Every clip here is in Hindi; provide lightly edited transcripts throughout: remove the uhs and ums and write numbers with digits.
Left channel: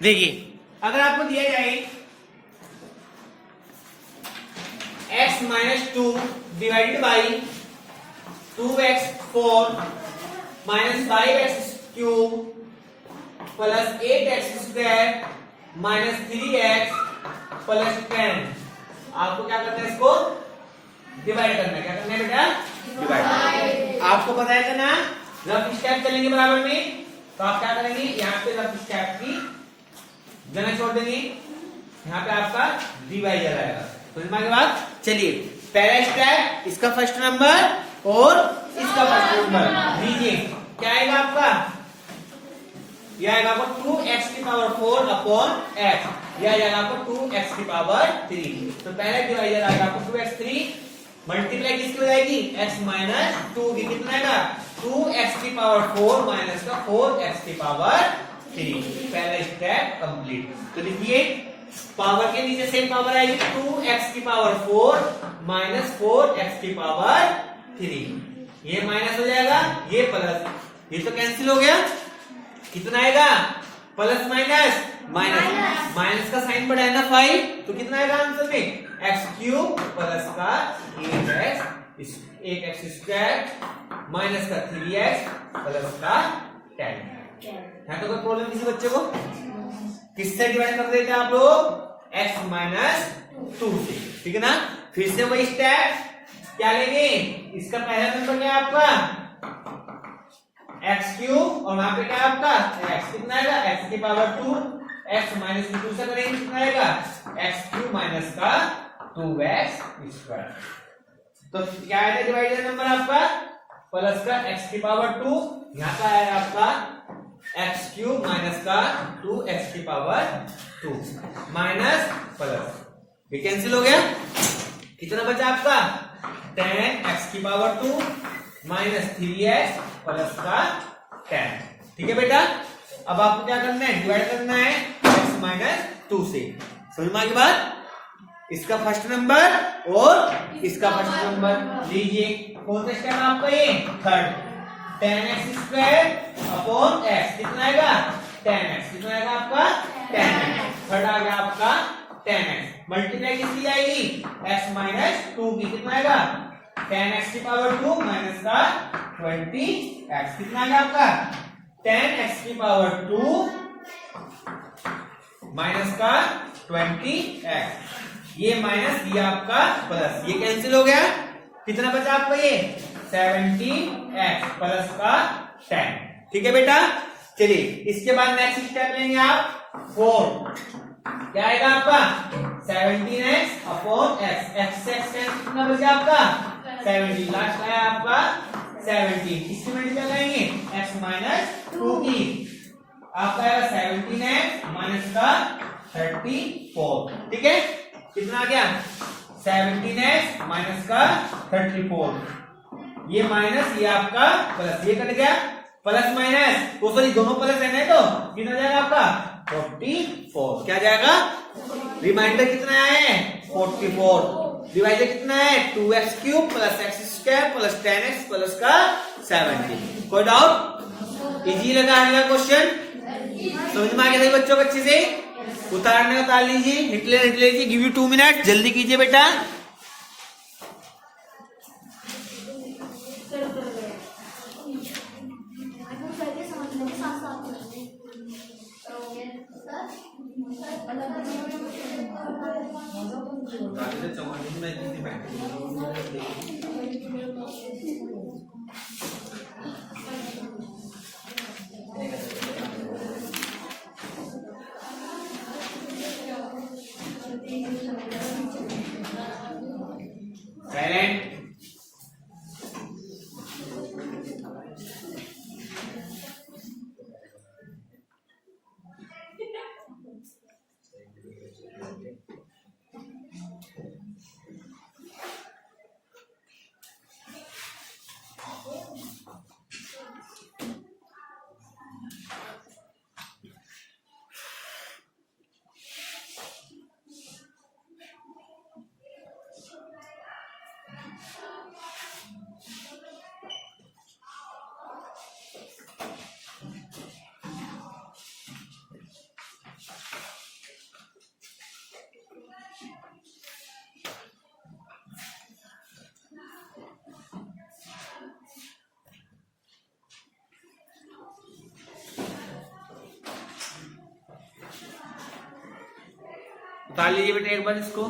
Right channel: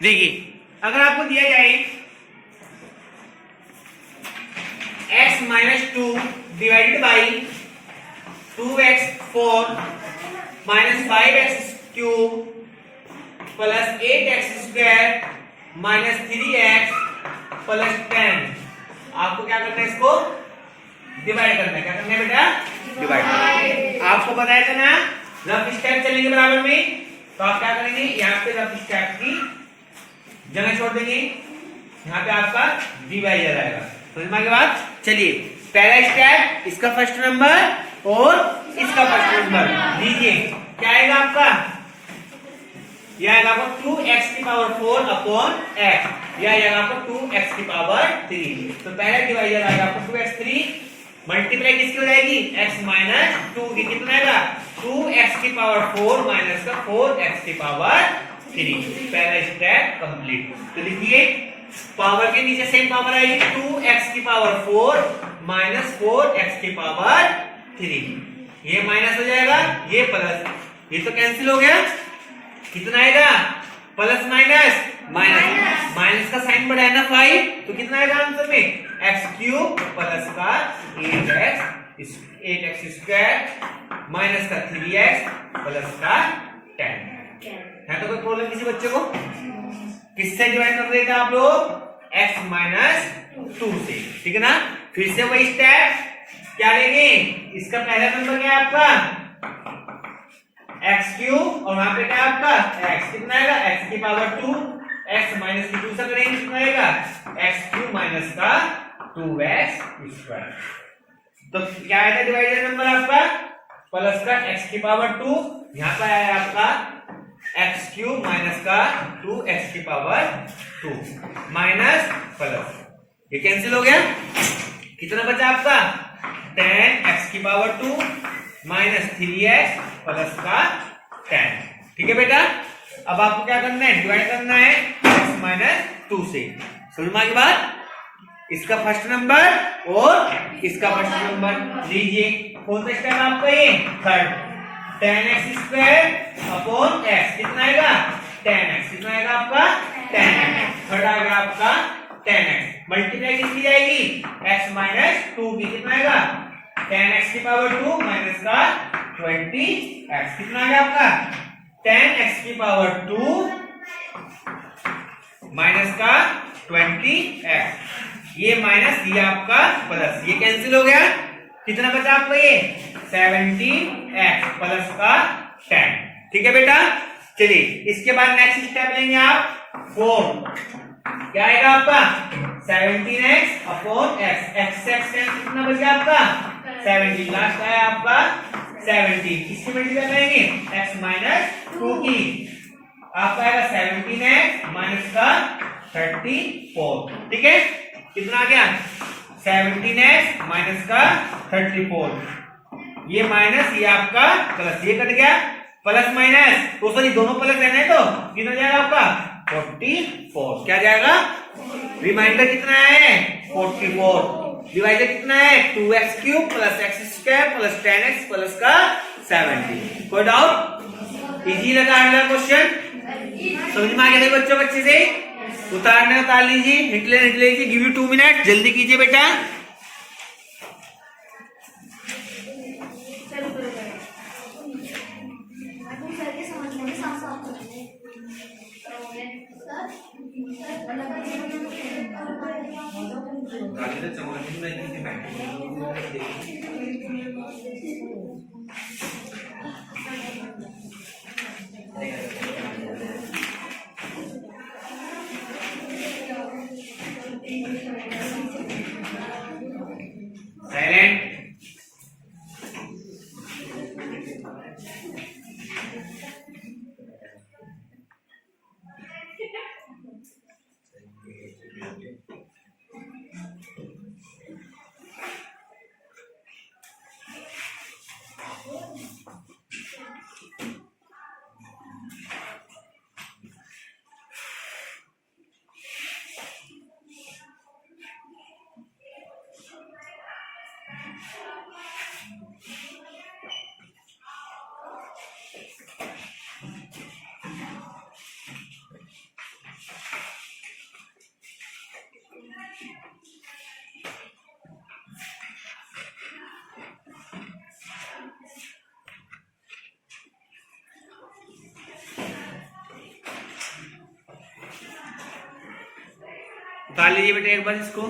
देखिए अगर आपको दिया जाए x minus 2 divided by 2x4 minus 5x cube plus 8x square minus 3x plus 10, आपको क्या करना है, इसको डिवाइड करना है। क्या करना है बेटा? डिवाइड। आपको बताया था ना रफ स्टेप चलेंगे बराबर में, तो आप क्या करेंगे, यहाँ पे रफ स्टेप की जगह छोड़ देंगे, यहाँ पे आपका डिवाइडर आएगा। समझ में आ गया बात? चलिए पहला स्टेप, इसका फर्स्ट नंबर और इसका फर्स्ट नंबर लीजिए। क्या आएगा आपका? यह आएगा आपको 2x की पावर 4 अपॉन x, यह आएगा आपको 2x की पावर 3। तो पहला डिवाइडर आएगा आपको 2x3 मल्टीप्लाई किसकी हो जाएगी, x माइनस 2 की, कितना आएगा 2x की पावर 4 माइनस का 4x की पावर 3। पहला स्टेप कंप्लीट। तो लिखिए पावर के नीचे सेम पावर आएगी 2x की पावर 4 माइनस 4x की पावर 3, ये माइनस हो जाएगा, ये प्लस, ये तो कैंसिल हो गया। कितना आएगा? प्लस माइनस माइनस, माइनस का साइन बढ़ा है ना 5, तो कितना आएगा आंसर में, x क्यूब प्लस का 8x स्क्वायर माइनस का 3x प्लस का 10। है तो कोई प्रॉब्लम किसी बच्चे को? किससे डिवाइड कर देगा आप लोग? x माइनस 2 से, ठीक है ना। फिर से वही स्टेप, क्या लेंगे, इसका पहला नंबर क्या है आपका x क्यूब और वहां पे क्या आपका x, कितना आएगा x की पावर 2, x माइनस की 2 से करेंगे कितना आएगा x क्यूब माइनस का 2x स्क्वायर। तो क्या आएगा डिवाइडर नंबर आपका, प्लस का x की पावर 2, यहाँ पर आया आपका x क्यूब माइनस का 2x की पावर 2 माइनस प्लस, ये कैंसिल हो गया। कितना बचा आपका 10x की पावर 2 माइनस 3x प्लस का 10, ठीक है बेटा। अब आपको क्या करना है, डिवाइड करना है x माइनस 2 से। समझ में आ गई बात? इसका फर्स्ट नंबर और इसका फर्स्ट नंबर लीजिए। कौन सा स्टेप आपका, ये third, 10x square upon x, कितना आएगा 10x, कितना आएगा आपका 10x, थर्ड आ गया आपका 10x, मल्टीप्लाई किसकी जाएगी x माइनस 2 की, कितना आएगा 10x की पावर 2 माइनस का 20x, कितना आ गया आपका 10x की पावर 2 माइनस का 20x, ये माइनस, ये आपका प्लस, ये कैंसिल हो गया। कितना बचा आपका, ये 70x प्लस का 10, ठीक है बेटा। चलिए इसके बाद नेक्स्ट स्टेप लेंगे आप 4, क्या आएगा आपका 17x अपॉन x, x से x कितना बचा आपका 17, लास्ट आया आपका 17, इसकी मल्टीप्लाई करेंगे x माइनस 2 की, आपका आएगा 17x माइनस का 34, ठीक है। कितना आ गया 17x माइनस का 34, ये माइनस, ये आपका प्लस, ये कट गया प्लस माइनस, तो सॉरी दोनों प्लस है तो कितना जाएगा आपका 44, क्या जाएगा, रिमाइंडर कितना है 44, डिवाइडर कितना है 2x cube plus x square plus 10x plus का 70। कोई डाउट? इजी लगा अगला क्वेश्चन? समझ में आ गया बच्चों? अच्छे से उतारना उतार लीजिए, निकले लीजिए, गिव यू 2 मिनट, जल्दी कीजिए बेटा। साइलेंट। निकाल लीजिए बेटा एक बार इसको।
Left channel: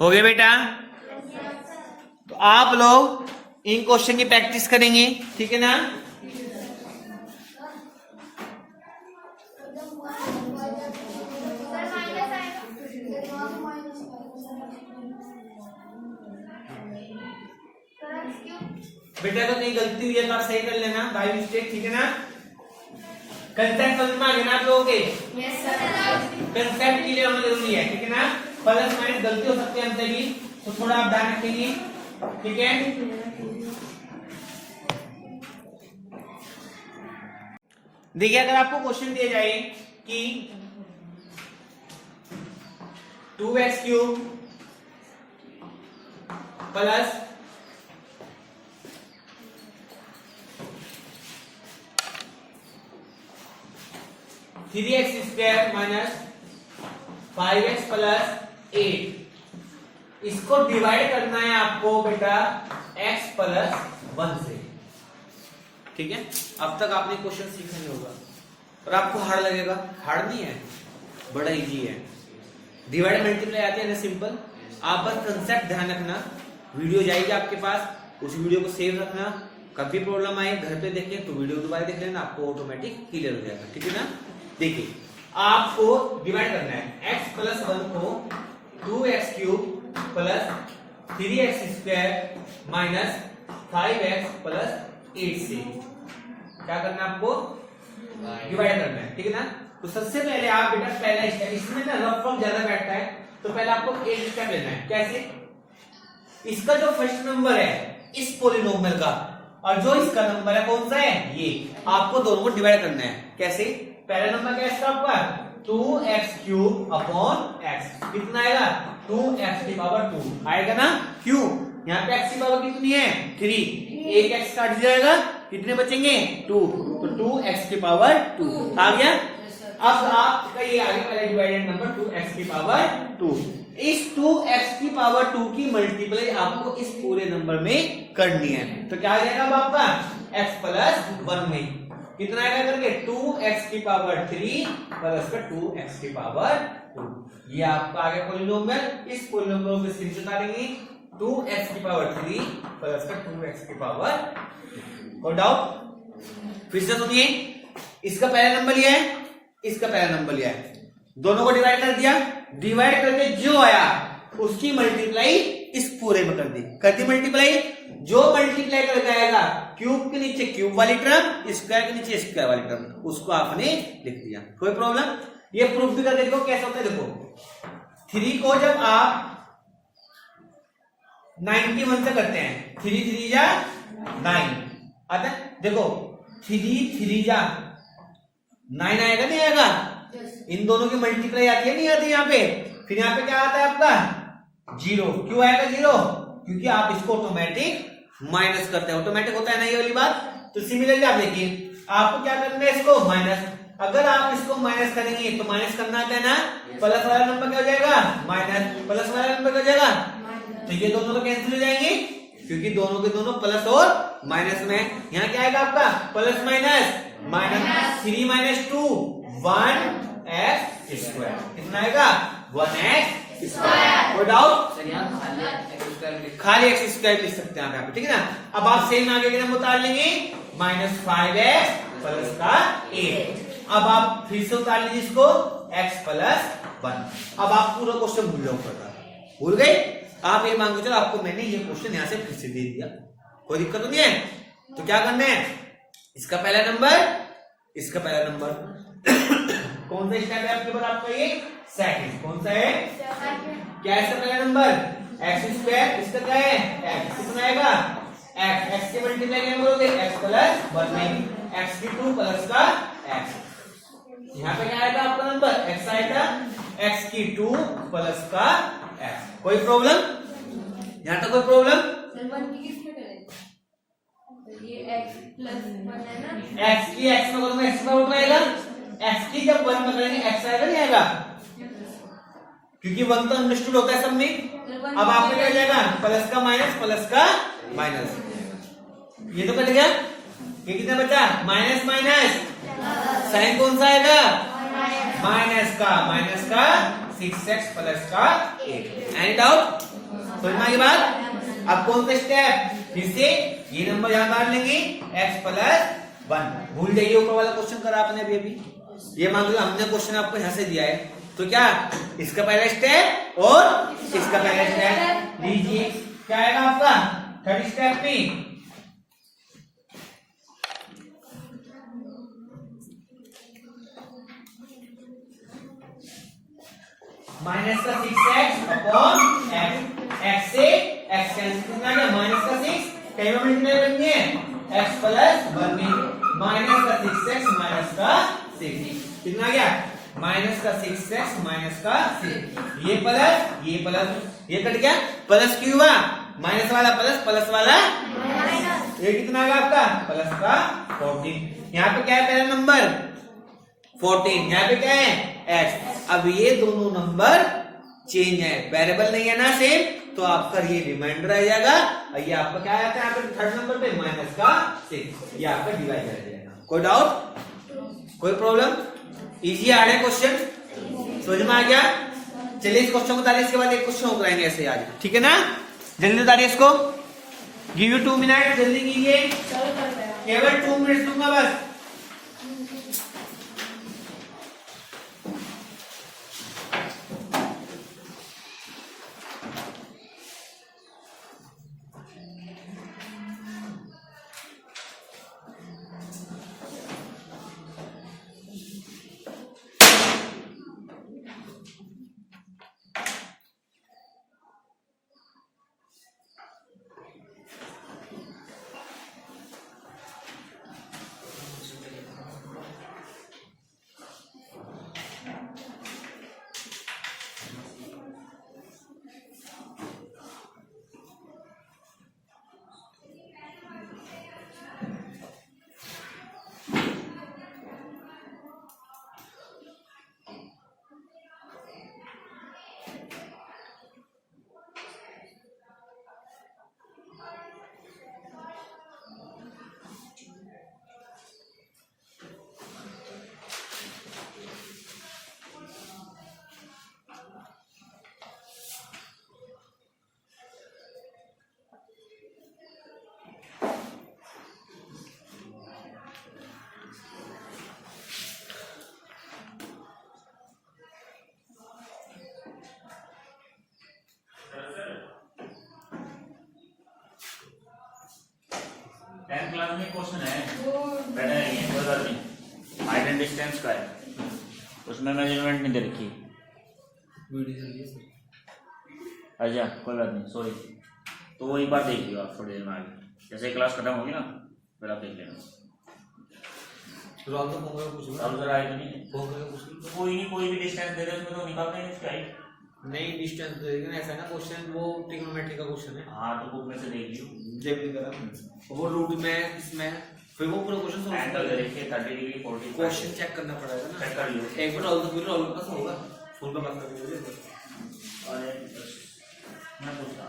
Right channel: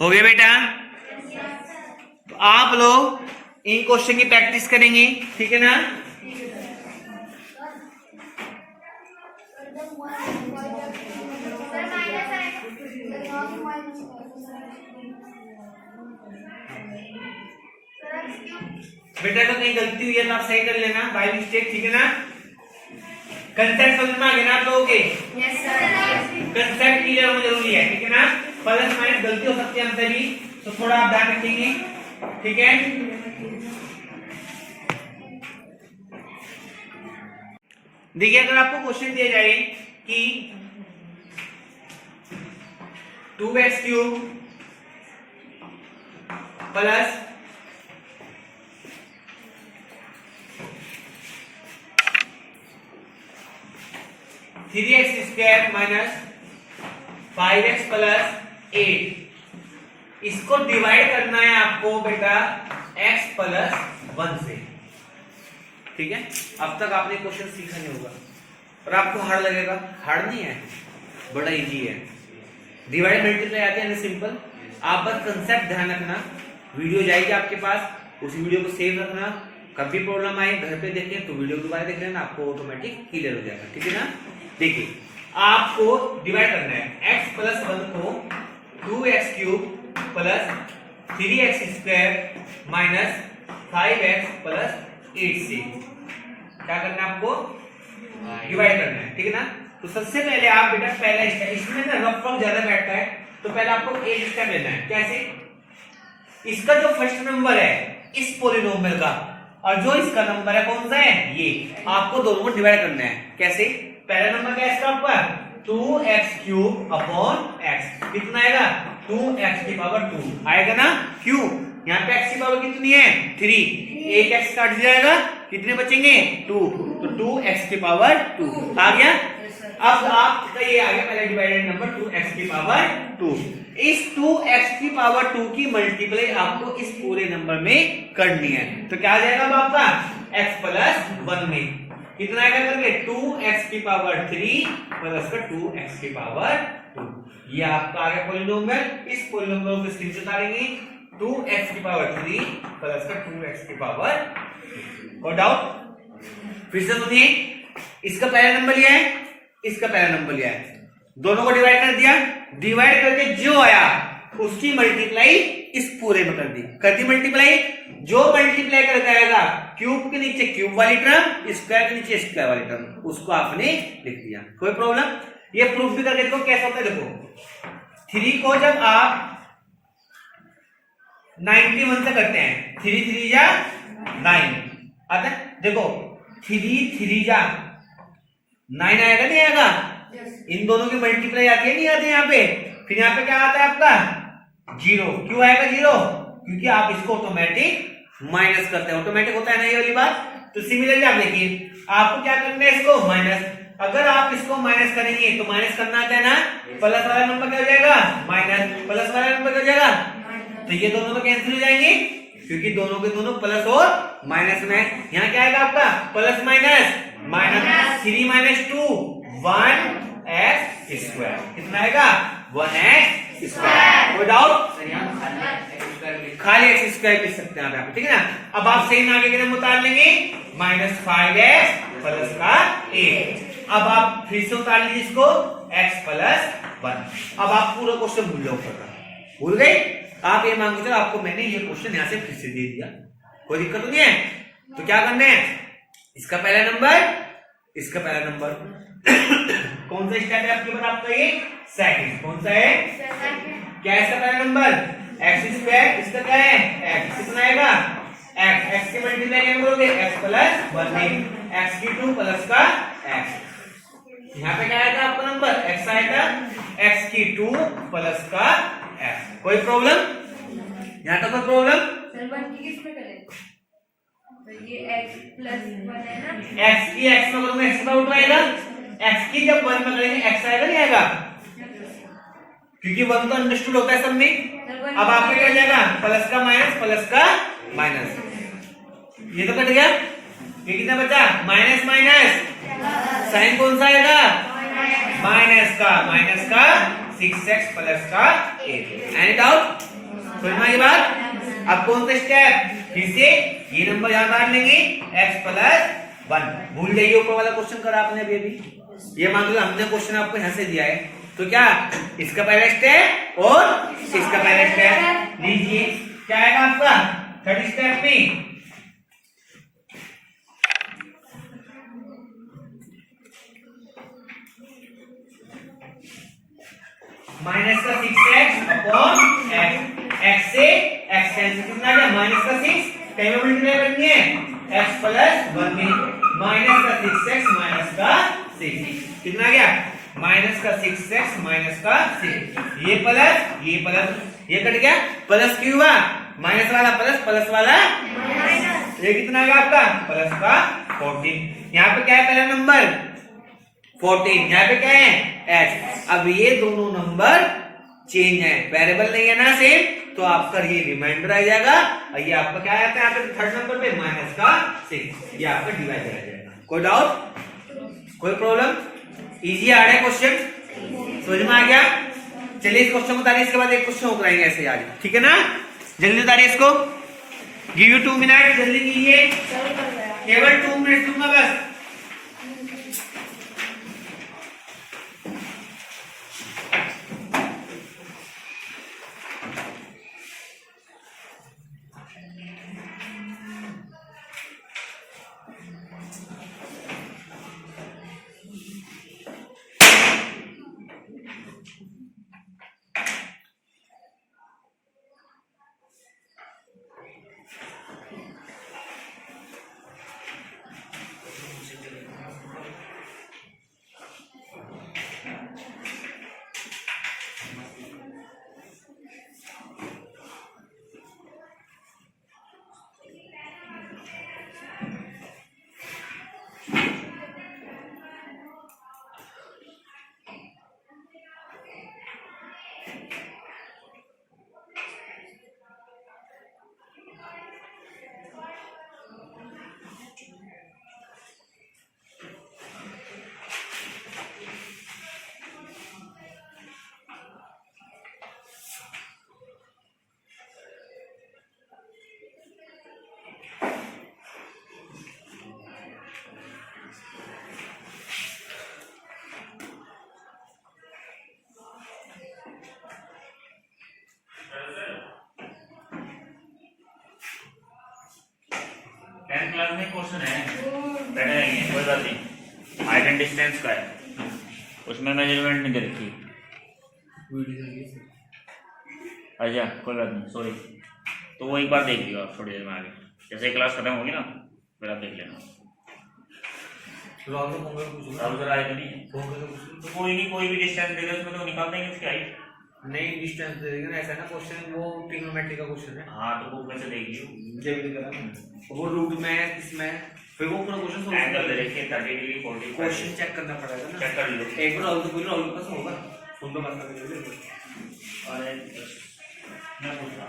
हो गया बेटा? तो आप लोग इन क्वेश्चन की प्रैक्टिस करेंगे, ठीक है ना? बेटा को कहीं गलती हुई है तो आप सही कर लेना बाय मिस्टेक, ठीक है ना? कंसेप्ट समझ में आ गया ना आप लोगों के? Yes sir. कंसेप्ट क्लियर होना जरूरी है, ठीक है ना? प्लस माइनस गलती हो सकती है हमसे भी, तो थोड़ा आप ध्यान रखेंगे, ठीक है? देखिए अगर आपको क्वेश्चन दिया जाए कि 2x³ plus 3x² minus 5x plus 8, इसको डिवाइड करना है आपको बेटा x प्लस 1 से, ठीक है? अब तक आपने क्वेश्चन सीखा नहीं होगा और आपको हार्ड लगेगा। हार्ड नहीं है, बड़ा इजी है। डिवाइड मल्टीप्लाई आते हैं सिंपल। आप बस कंसेप्ट ध्यान रखना, वीडियो जाएगी आपके पास, उस वीडियो को सेव रखना, कभी प्रॉब्लम आए घर पे देखें तो वीडियो दोबारा देख लेना, आपको ऑटोमेटिक क्लियर हो जाएगा, ठीक है ना? देखिए आपको डिवाइड करना है x प्लस 1 को 2x³ plus 3x² minus 5x plus 8 से क्या करना है आपको? डिवाइड करना है, ठीक है ना? तो सबसे पहले आप बेटा पहला स्टेप, इसमें ना रफ फॉर्म ज्यादा बैठता है, तो पहले आपको एक स्टेप लेना है। कैसे? इसका जो फर्स्ट नंबर है इस पॉलिनोमियल का और जो इसका नंबर है कौन सा है ये, आपको दोनों को डिवाइड करना है। कैसे? पहला नंबर क्या है इसका आपका 2x³ अपॉन x, कितना आएगा? 2x² आएगा ना? क्यों? यहाँ पे x की पावर कितनी है? 3, एक x काट जाएगा, कितने बचेंगे? 2, तो 2x² आ गया। अब आपका ये आ गया पहला डिवाइडेड नंबर 2x²। इस 2x² की मल्टीप्लाई आपको इस पूरे नंबर में करनी है, तो क्या आ जाएगा अब आपका x प्लस 1 में कितना आएगा करके 2x³ प्लस का 2x²। ये आपका आ गया पॉलिनोमियल। इस पॉलिनोमियल को स्क्रीन से उतारेंगे 2x³ प्लस का 2x²। कोई डाउट? फिर से सुनिए, इसका पहला नंबर लिया है, इसका पहला नंबर लिया है, दोनों को डिवाइड कर दिया, डिवाइड करके जो आया उसकी मल्टीप्लाई इस पूरे में कर दी मल्टीप्लाई। जो मल्टीप्लाई करके आएगा क्यूब के नीचे क्यूब वाली टर्म, स्क्वायर के नीचे स्क्वायर वाली टर्म, उसको आपने लिख दिया। कोई प्रॉब्लम? ये प्रूफ भी करके देखो कैसा होता है। देखो 3 को जब आप 91 से करते हैं, 3 3 जा 9 आता है। देखो 3 3 जा 9 आएगा नहीं आएगा? इन दोनों की मल्टीप्लाई आती है नहीं आती यहाँ पे? फिर यहाँ पे क्या आता है आपका 0। क्यों आएगा 0? क्योंकि आप इसको ऑटोमेटिक माइनस करते हैं, ऑटोमेटिक होता है ना ये वाली बात। तो सिमिलरली आप देखिए आपको क्या करना है, इसको माइनस। अगर आप इसको माइनस करेंगे तो माइनस करना आता है ना, प्लस वाला नंबर क्या हो जाएगा? माइनस, प्लस वाला नंबर क्या हो जाएगा? तो ये दोनों तो कैंसिल हो जाएंगे क्योंकि दोनों के दोनों प्लस और माइनस में। यहाँ क्या आएगा आपका plus minus minus 3 minus 2 1x², कितना आएगा? 1x²। कोई डाउट? खाली एक्स स्क्वायर लिख सकते हैं आप यहाँ पे, ठीक है ना। अब आप सेम आगे के नंबर उतार लेंगे, -5x प्लस का 8। अब आप फिर से उतार लीजिए इसको, x प्लस 1। अब आप पूरा क्वेश्चन भूल जाओ, भूल गए आप। ये मान के चलो आपको मैंने ये क्वेश्चन यहाँ से फिर से दे दिया, कोई दिक्कत तो नहीं है। तो क्या करना है, इसका पहला नंबर, इसका पहला नंबर कौन सा स्टेप है आपके ऊपर, आपका ये सेकंड। कौन सा है, क्या है इसका पहला नंबर, एक्स स्क्वायर। इसका क्या है, एक्स। कितना आएगा, एक्स। एक्स के मल्टीप्लाई क्या करोगे, एक्स प्लस 1 में एक्स की 2 प्लस का एक्स। यहाँ पे क्या आया था आपका नंबर, एक्स आया था, एक्स की 2 प्लस का एक्स। कोई प्रॉब्लम, यहाँ तक कोई प्रॉब्लम। ये x प्लस 1 है ना, x की x में करूंगा x का उल्टा आएगा, x की जब 1 में करेंगे x आएगा, नहीं आएगा, क्योंकि 1 तो अंडरस्टूड होता है सब में। अब आपके क्या हो जाएगा, प्लस का माइनस, प्लस का माइनस, ये तो कट गया। ये कितना बचा, माइनस माइनस, साइन कौन सा आएगा, माइनस का 6x प्लस का 8। एनी डाउट, समझ में आई बात। अब कौन सा स्टेप, फिर से ये नंबर यहां डाल लेंगे, x प्लस 1। भूल जाइए ऊपर वाला क्वेश्चन करा आपने अभी। ये मान लो हमने क्वेश्चन आपको यहां से दिया है, तो क्या इसका पहला स्टेप और इसका पहला स्टेप लीजिए। क्या आएगा आपका थर्ड स्टेप में, माइनस का 6x अपॉन x से x कैंसिल, कितना आ गया, माइनस का 6 कहीं में मल्टीप्लाई करनी है, x प्लस 1 में माइनस का 6x माइनस का 6, कितना आ गया, माइनस का 6x माइनस का 6। ये प्लस ये कट गया, प्लस क्यों हुआ, माइनस वाला प्लस, प्लस वाला माइनस। ये कितना आ गया आपका, प्लस का 14। यहाँ पे क्या है पहला नंबर 14, यहाँ पे क्या है x। अब ये दोनों नंबर चेंज है, वेरिएबल नहीं है ना सेम, तो आपका ये रिमाइंडर आ जाएगा, और ये आपका क्या आता है यहाँ पे थर्ड नंबर पे माइनस का 6, ये आपका डिवाइड आ जाएगा। कोई डाउट, कोई प्रॉब्लम, इजी आ रहा है क्वेश्चन, समझ में आ गया। चलिए इस क्वेश्चन बता इसके बाद एक क्वेश्चन और कराएंगे ऐसे आज, ठीक है ना। जल्दी उतारिए इसको, गिव यू 2 मिनट, जल्दी कीजिए, केवल 2 मिनट दूंगा बस। क्लास में क्वेश्चन है, बैठे रहेंगे, कोई बात नहीं। हाइट एंड डिस्टेंस का है, उसमें मेजरमेंट नहीं दे रखी। अच्छा कोई बात नहीं, सॉरी। तो वो एक बार देख लियो आप थोड़ी देर में आगे, जैसे क्लास खत्म होगी ना फिर आप देख लेना। तो कोई नहीं, कोई भी डिस्टेंस दे दे उसमें तो निकाल देंगे इसकी हाइट। नहीं डिस्टेंस दे देंगे ना, ऐसा ना क्वेश्चन वो ट्रिग्नोमेट्री का क्वेश्चन है। हाँ तो बुक में से देख लियो, वो रूट में इसमें फिर वो पूरा क्वेश्चन एंगल दे रखे 30 डिग्री 40 क्वेश्चन चेक करना पड़ेगा ना, चेक कर लियो। एक बार राहुल के पास होगा, फोन पे बात करके दे। अरे मैं पूछता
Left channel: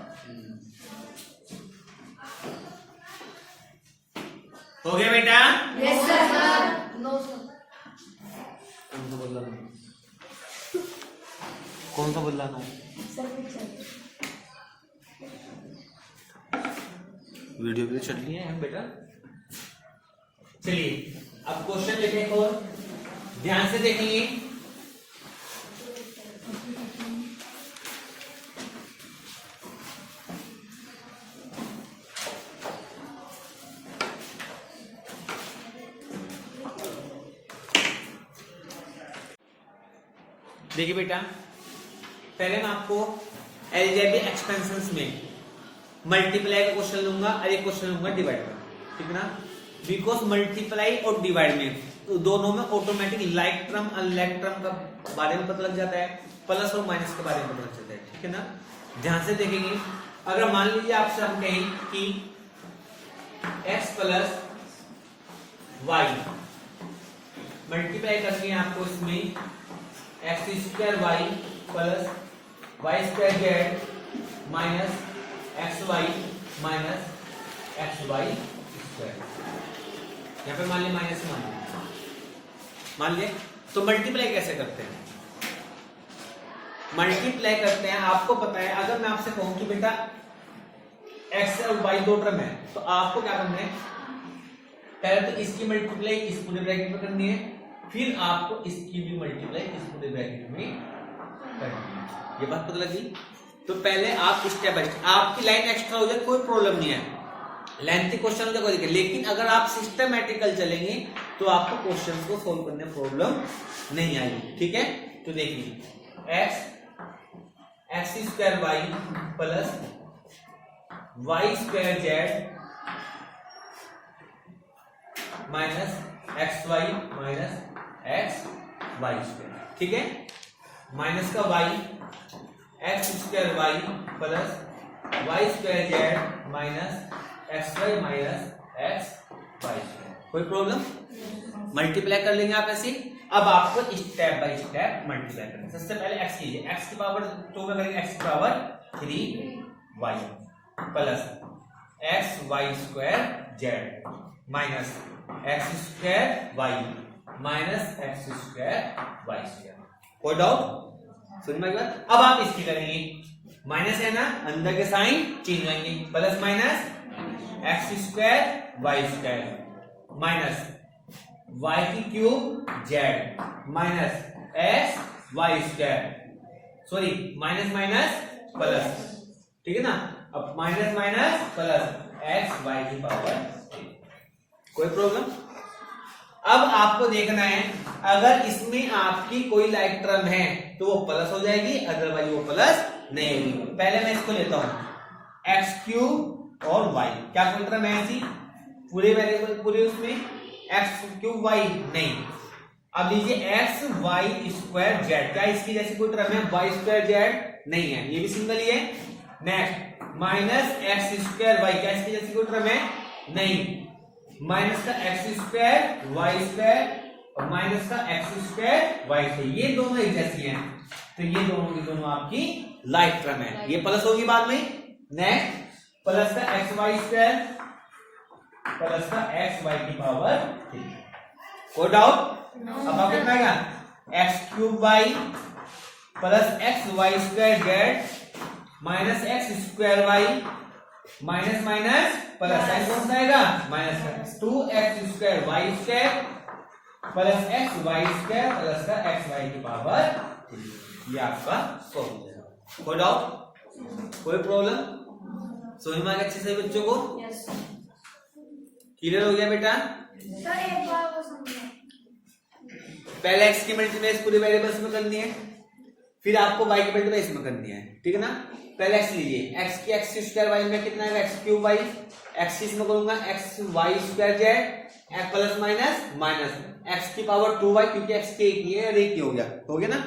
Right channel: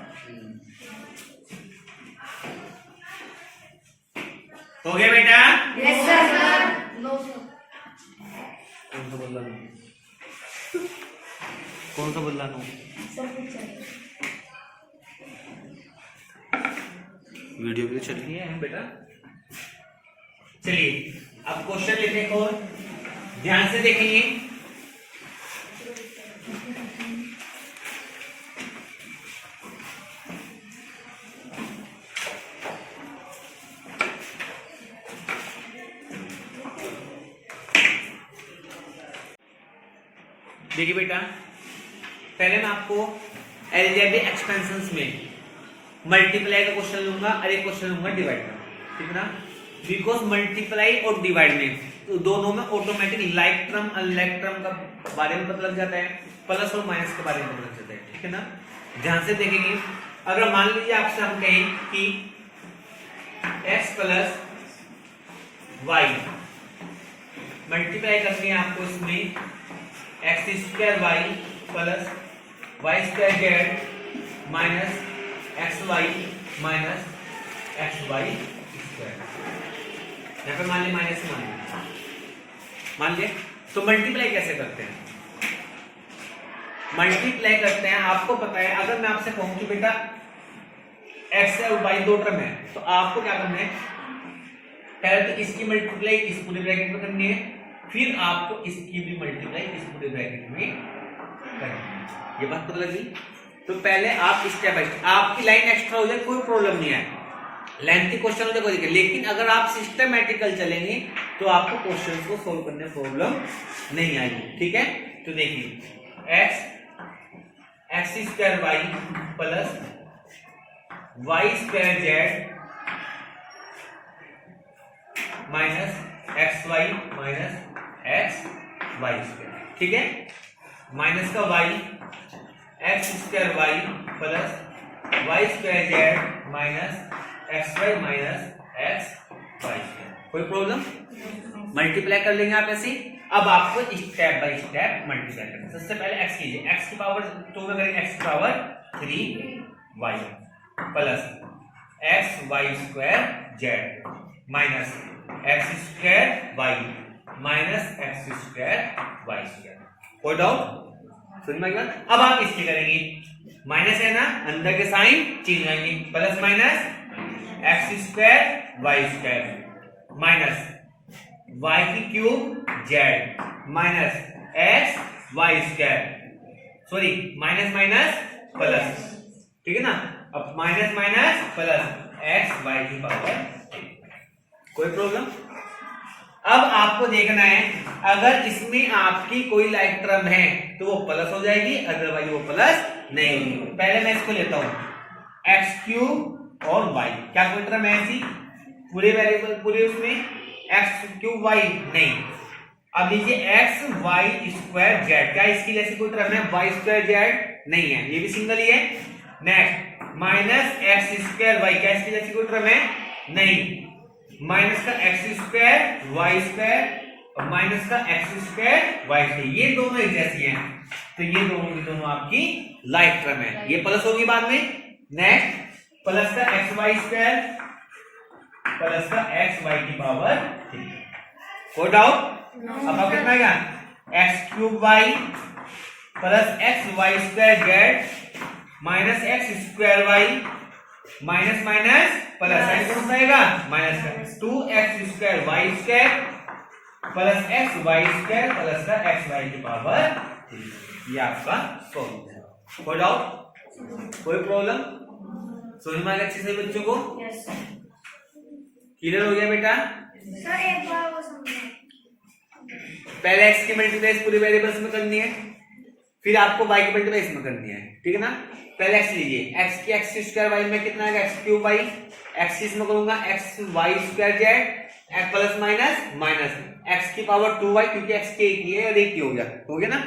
हो गया बेटा, यस सर, नो सर, कौन सा बोल रहा हूँ, कौन सा बोल रहा हूँ, सब कुछ है। वीडियो भी चल रही है बेटा। चलिए अब क्वेश्चन लेते हैं और ध्यान से देखेंगे। देखिए बेटा, पहले मैं आपको अलजेब्रिक एक्सपेंशंस में मल्टीप्लाई का क्वेश्चन लूंगा और एक क्वेश्चन लूंगा डिवाइड का, ठीक ना। बिकॉज मल्टीप्लाई और डिवाइड में तो दोनों में automatic like term unlike term का बारे में पता लग जाता है, प्लस और माइनस के बारे में पता लग जाता है, ठीक है ना। ध्यान से देखेंगे, अगर मान लीजिए आपसे हम कहें कि x प्लस वाई मल्टीप्लाई करनी है आपको, इसमें x square y plus y square z minus x y minus x y square, यहाँ पे मान लिया माइनस मान लिया। तो मल्टीप्लाई कैसे करते हैं? मल्टीप्लाई करते हैं, आपको पता है, अगर मैं आपसे कहूं कि बेटा एक्स और वाई दो टर्म है, तो आपको क्या करना है, पहले तो इसकी मल्टीप्लाई इस पूरे ब्रैकेट में करनी है, फिर आपको इसकी भी मल्टीप्लाई इस पूरे ब्रैकेट में करनी है। ये बात पता लगी? तो पहले आप स्टेप बाय स्टेप, आपकी लाइन एक्स्ट्रा हो जाए कोई प्रॉब्लम नहीं है, लेंथी क्वेश्चन हो जाए कोई दिक्कत, लेकिन अगर आप सिस्टमैटिकल चलेंगे तो आपको क्वेश्चन को सोल्व करने में प्रॉब्लम नहीं आएगी, ठीक है। तो देखिए x square y plus y square z minus x y minus x y square, ठीक है। माइनस का y x square y plus y square z minus x y minus x y square, कोई प्रॉब्लम? मल्टीप्लाई कर लेंगे आप ऐसे। अब आपको स्टेप बाय स्टेप मल्टीप्लाई करना है। सबसे पहले x कीजिए, x की पावर 2 में करेंगे, x की power 3y plus x y square z minus x square y minus x square y square, कोई डाउट? समझ में आ गया? अब आप इसकी करेंगे, माइनस है ना, अंदर के साइन चेंज आएंगे, plus minus x square y square minus y की cube z minus x y square, sorry minus minus plus, ठीक है ना। अब minus minus plus x y की पावर, कोई प्रॉब्लम? अब आपको देखना है, अगर इसमें आपकी कोई लाइक टर्म है तो वो प्लस हो जाएगी, अदरवाइज वो प्लस नहीं होगी। पहले मैं इसको लेता हूं एक्स क्यूब और वाई, क्या कोई टर्म है ऐसी पूरे वेरिएबल पूरे उसमें एक्स क्यूब वाई नहीं। अब लीजिए एक्स वाई स्क्वायर जेड, क्या इसकी जैसी कोई टर्म है? वाई स्क्वायर जेड नहीं है, ये भी सिंगल ही है। Next minus x square y, क्या इसकी जैसी कोई टर्म है? नहीं। माइनस का एक्स स्क्वायर वाई स्क्वायर और माइनस का एक्स स्क्वायर वाई स्क्वायर, ये दोनों एक जैसी हैं, तो ये दोनों की दोनों आपकी लाइक टर्म है, ये प्लस होगी बाद में। नेक्स्ट प्लस का एक्स वाई स्क्वायर प्लस का एक्स वाई की पावर 3, कोई डाउट? अब आप कितना आएगा? X cube y plus x y square z minus x square y minus minus plus, sign कौन सा आएगा? माइनस का 2x square y square plus x y square plus का एक्स वाई की पावर 3, ये आपका सॉल्व है। कोई डाउट, कोई प्रॉब्लम? समझ में आ गया अच्छे से बच्चों को? यस क्लियर हो गया बेटा? सर एक बार वो समझाएं। पहले x की मल्टीप्लाई पूरे वेरिएबल्स में करनी है, फिर आपको y की मल्टीप्लाई इसमें करनी है, ठीक है ना। पहले x लीजिए, x की x स्क्वायर y में कितना आएगा? x क्यूब y, x इसमें करूंगा x y square z x plus minus minus x की पावर 2y, क्योंकि x की एक ही है और एक ही हो गया ना,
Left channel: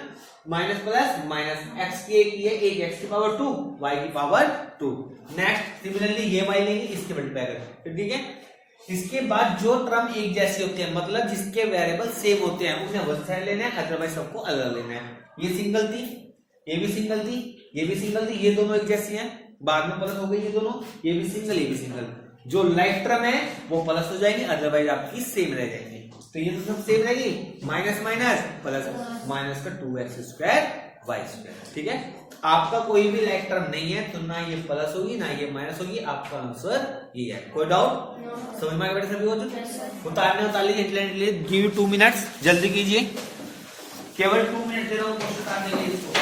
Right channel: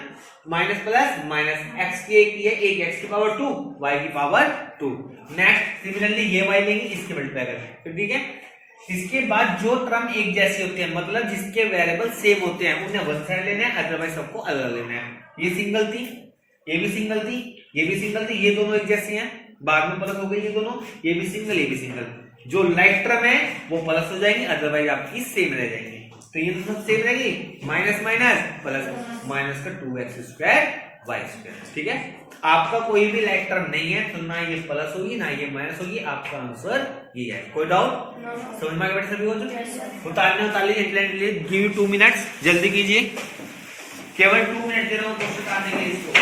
माइनस प्लस माइनस x की एक ही है, एक x की पावर 2 y की पावर 2। नेक्स्ट सिमिलरली ये y लेंगे, इसकी मल्टीप्लाई करेंगे, ठीक है। इसके बाद जो टर्म एक जैसी होती है, मतलब जिसके वेरिएबल सेम होते हैं, उन्हें वन साइड लेना है, अदरवाइज सबको अलग लेना है। ये सिंगल थी, ये भी सिंगल थी, ये भी सिंगल थी, ये दोनों एक जैसी हैं, बाद में प्लस हो गई ये दोनों, ये भी सिंगल ये भी सिंगल। जो लाइक टर्म है वो प्लस हो जाएंगे, अदरवाइज आपकी सेम रह जाएंगे। तो ये तो सब सेम रहेगी, माइनस माइनस प्लस, माइनस का 2x स्क्वायर वाई स्क्वायर, ठीक है। आपका कोई भी लाइक टर्म नहीं है तो ना ये प्लस होगी ना ये माइनस होगी, आपका आंसर ये है, कोई डाउट? समझ में आ गया बेटा सभी को? तो उतारने उतार लीजिए, इंटरनेट गिव यू 2 मिनट्स, जल्दी कीजिए, केवल 2 मिनट दे रहा हूँ क्वेश्चन उतारने के लिए इसको।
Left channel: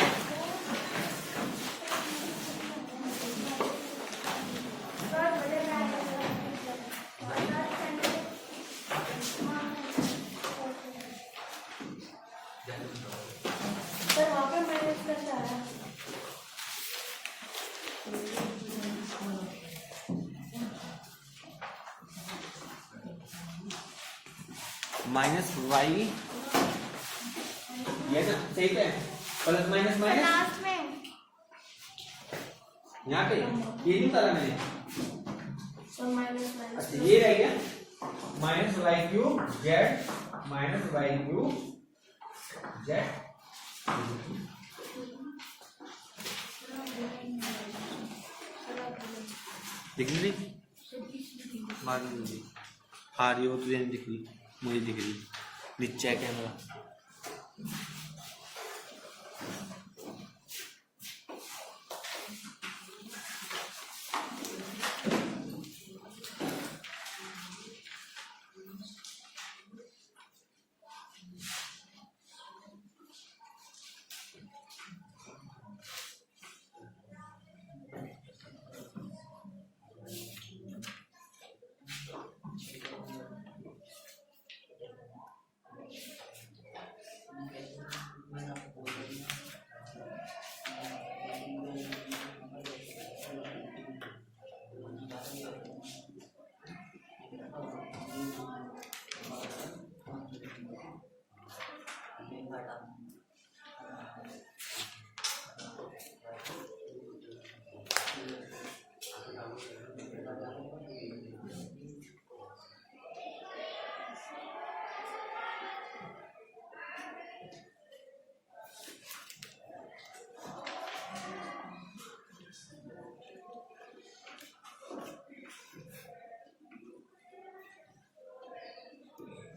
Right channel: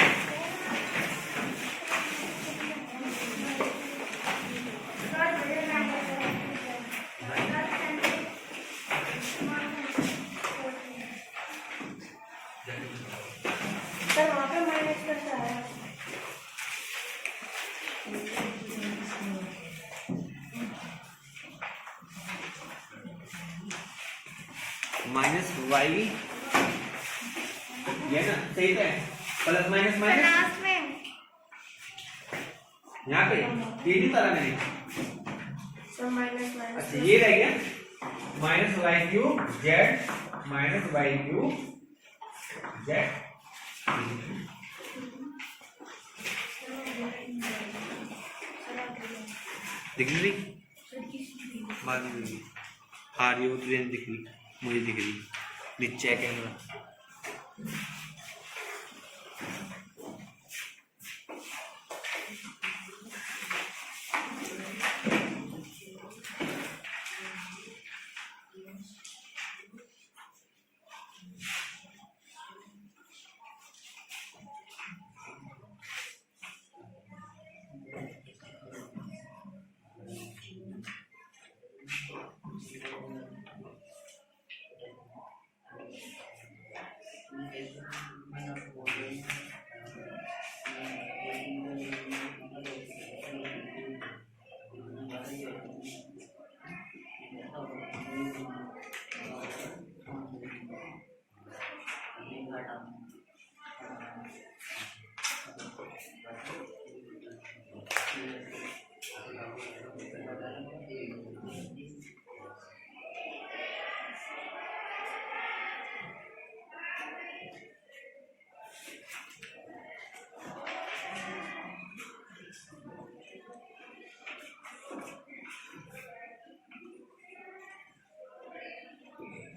सर वहाँ पे माइनस कैसे आया? माइनस वाई ये ना सही है, प्लस माइनस माइनस लास्ट में यहाँ पे ये नहीं करा मैंने। सर माइनस माइनस अच्छा ये रह गया minus y cube z minus y cube z, दिख रही बाद में दिख रही, हाँ रही हो ट्रेन दिख रही, मुझे दिख रही नीचे है कैमरा।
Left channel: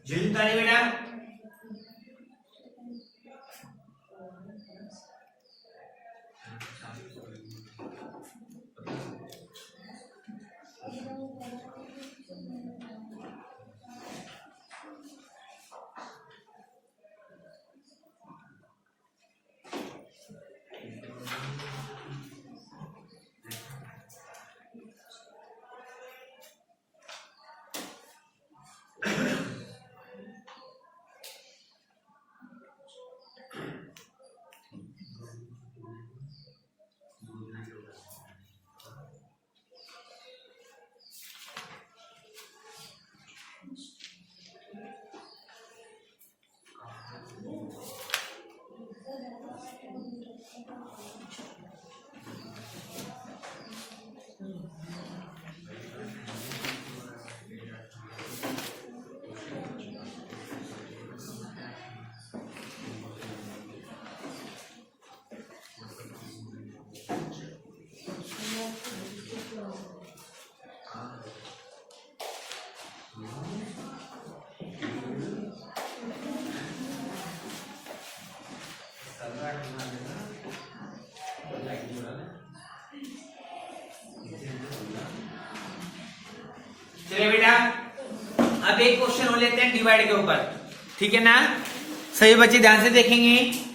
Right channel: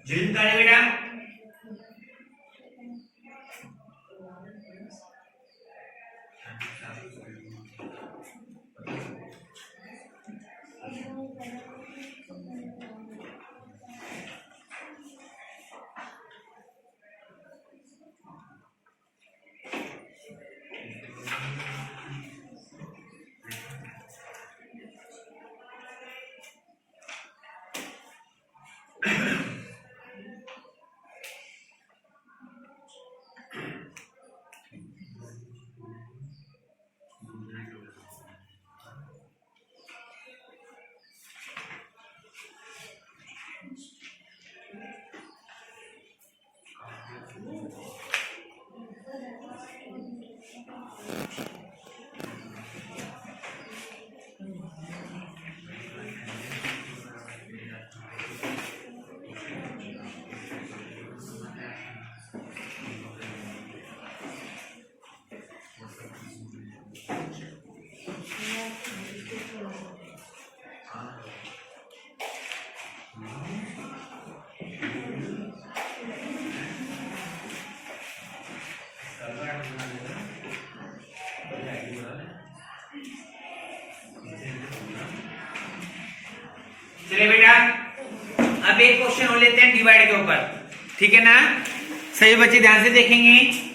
जल्दी तारे बेटा, चलिए बेटा अब एक क्वेश्चन हो लेते हैं डिवाइड के ऊपर, ठीक है ना? सही बच्चे ध्यान से देखेंगे।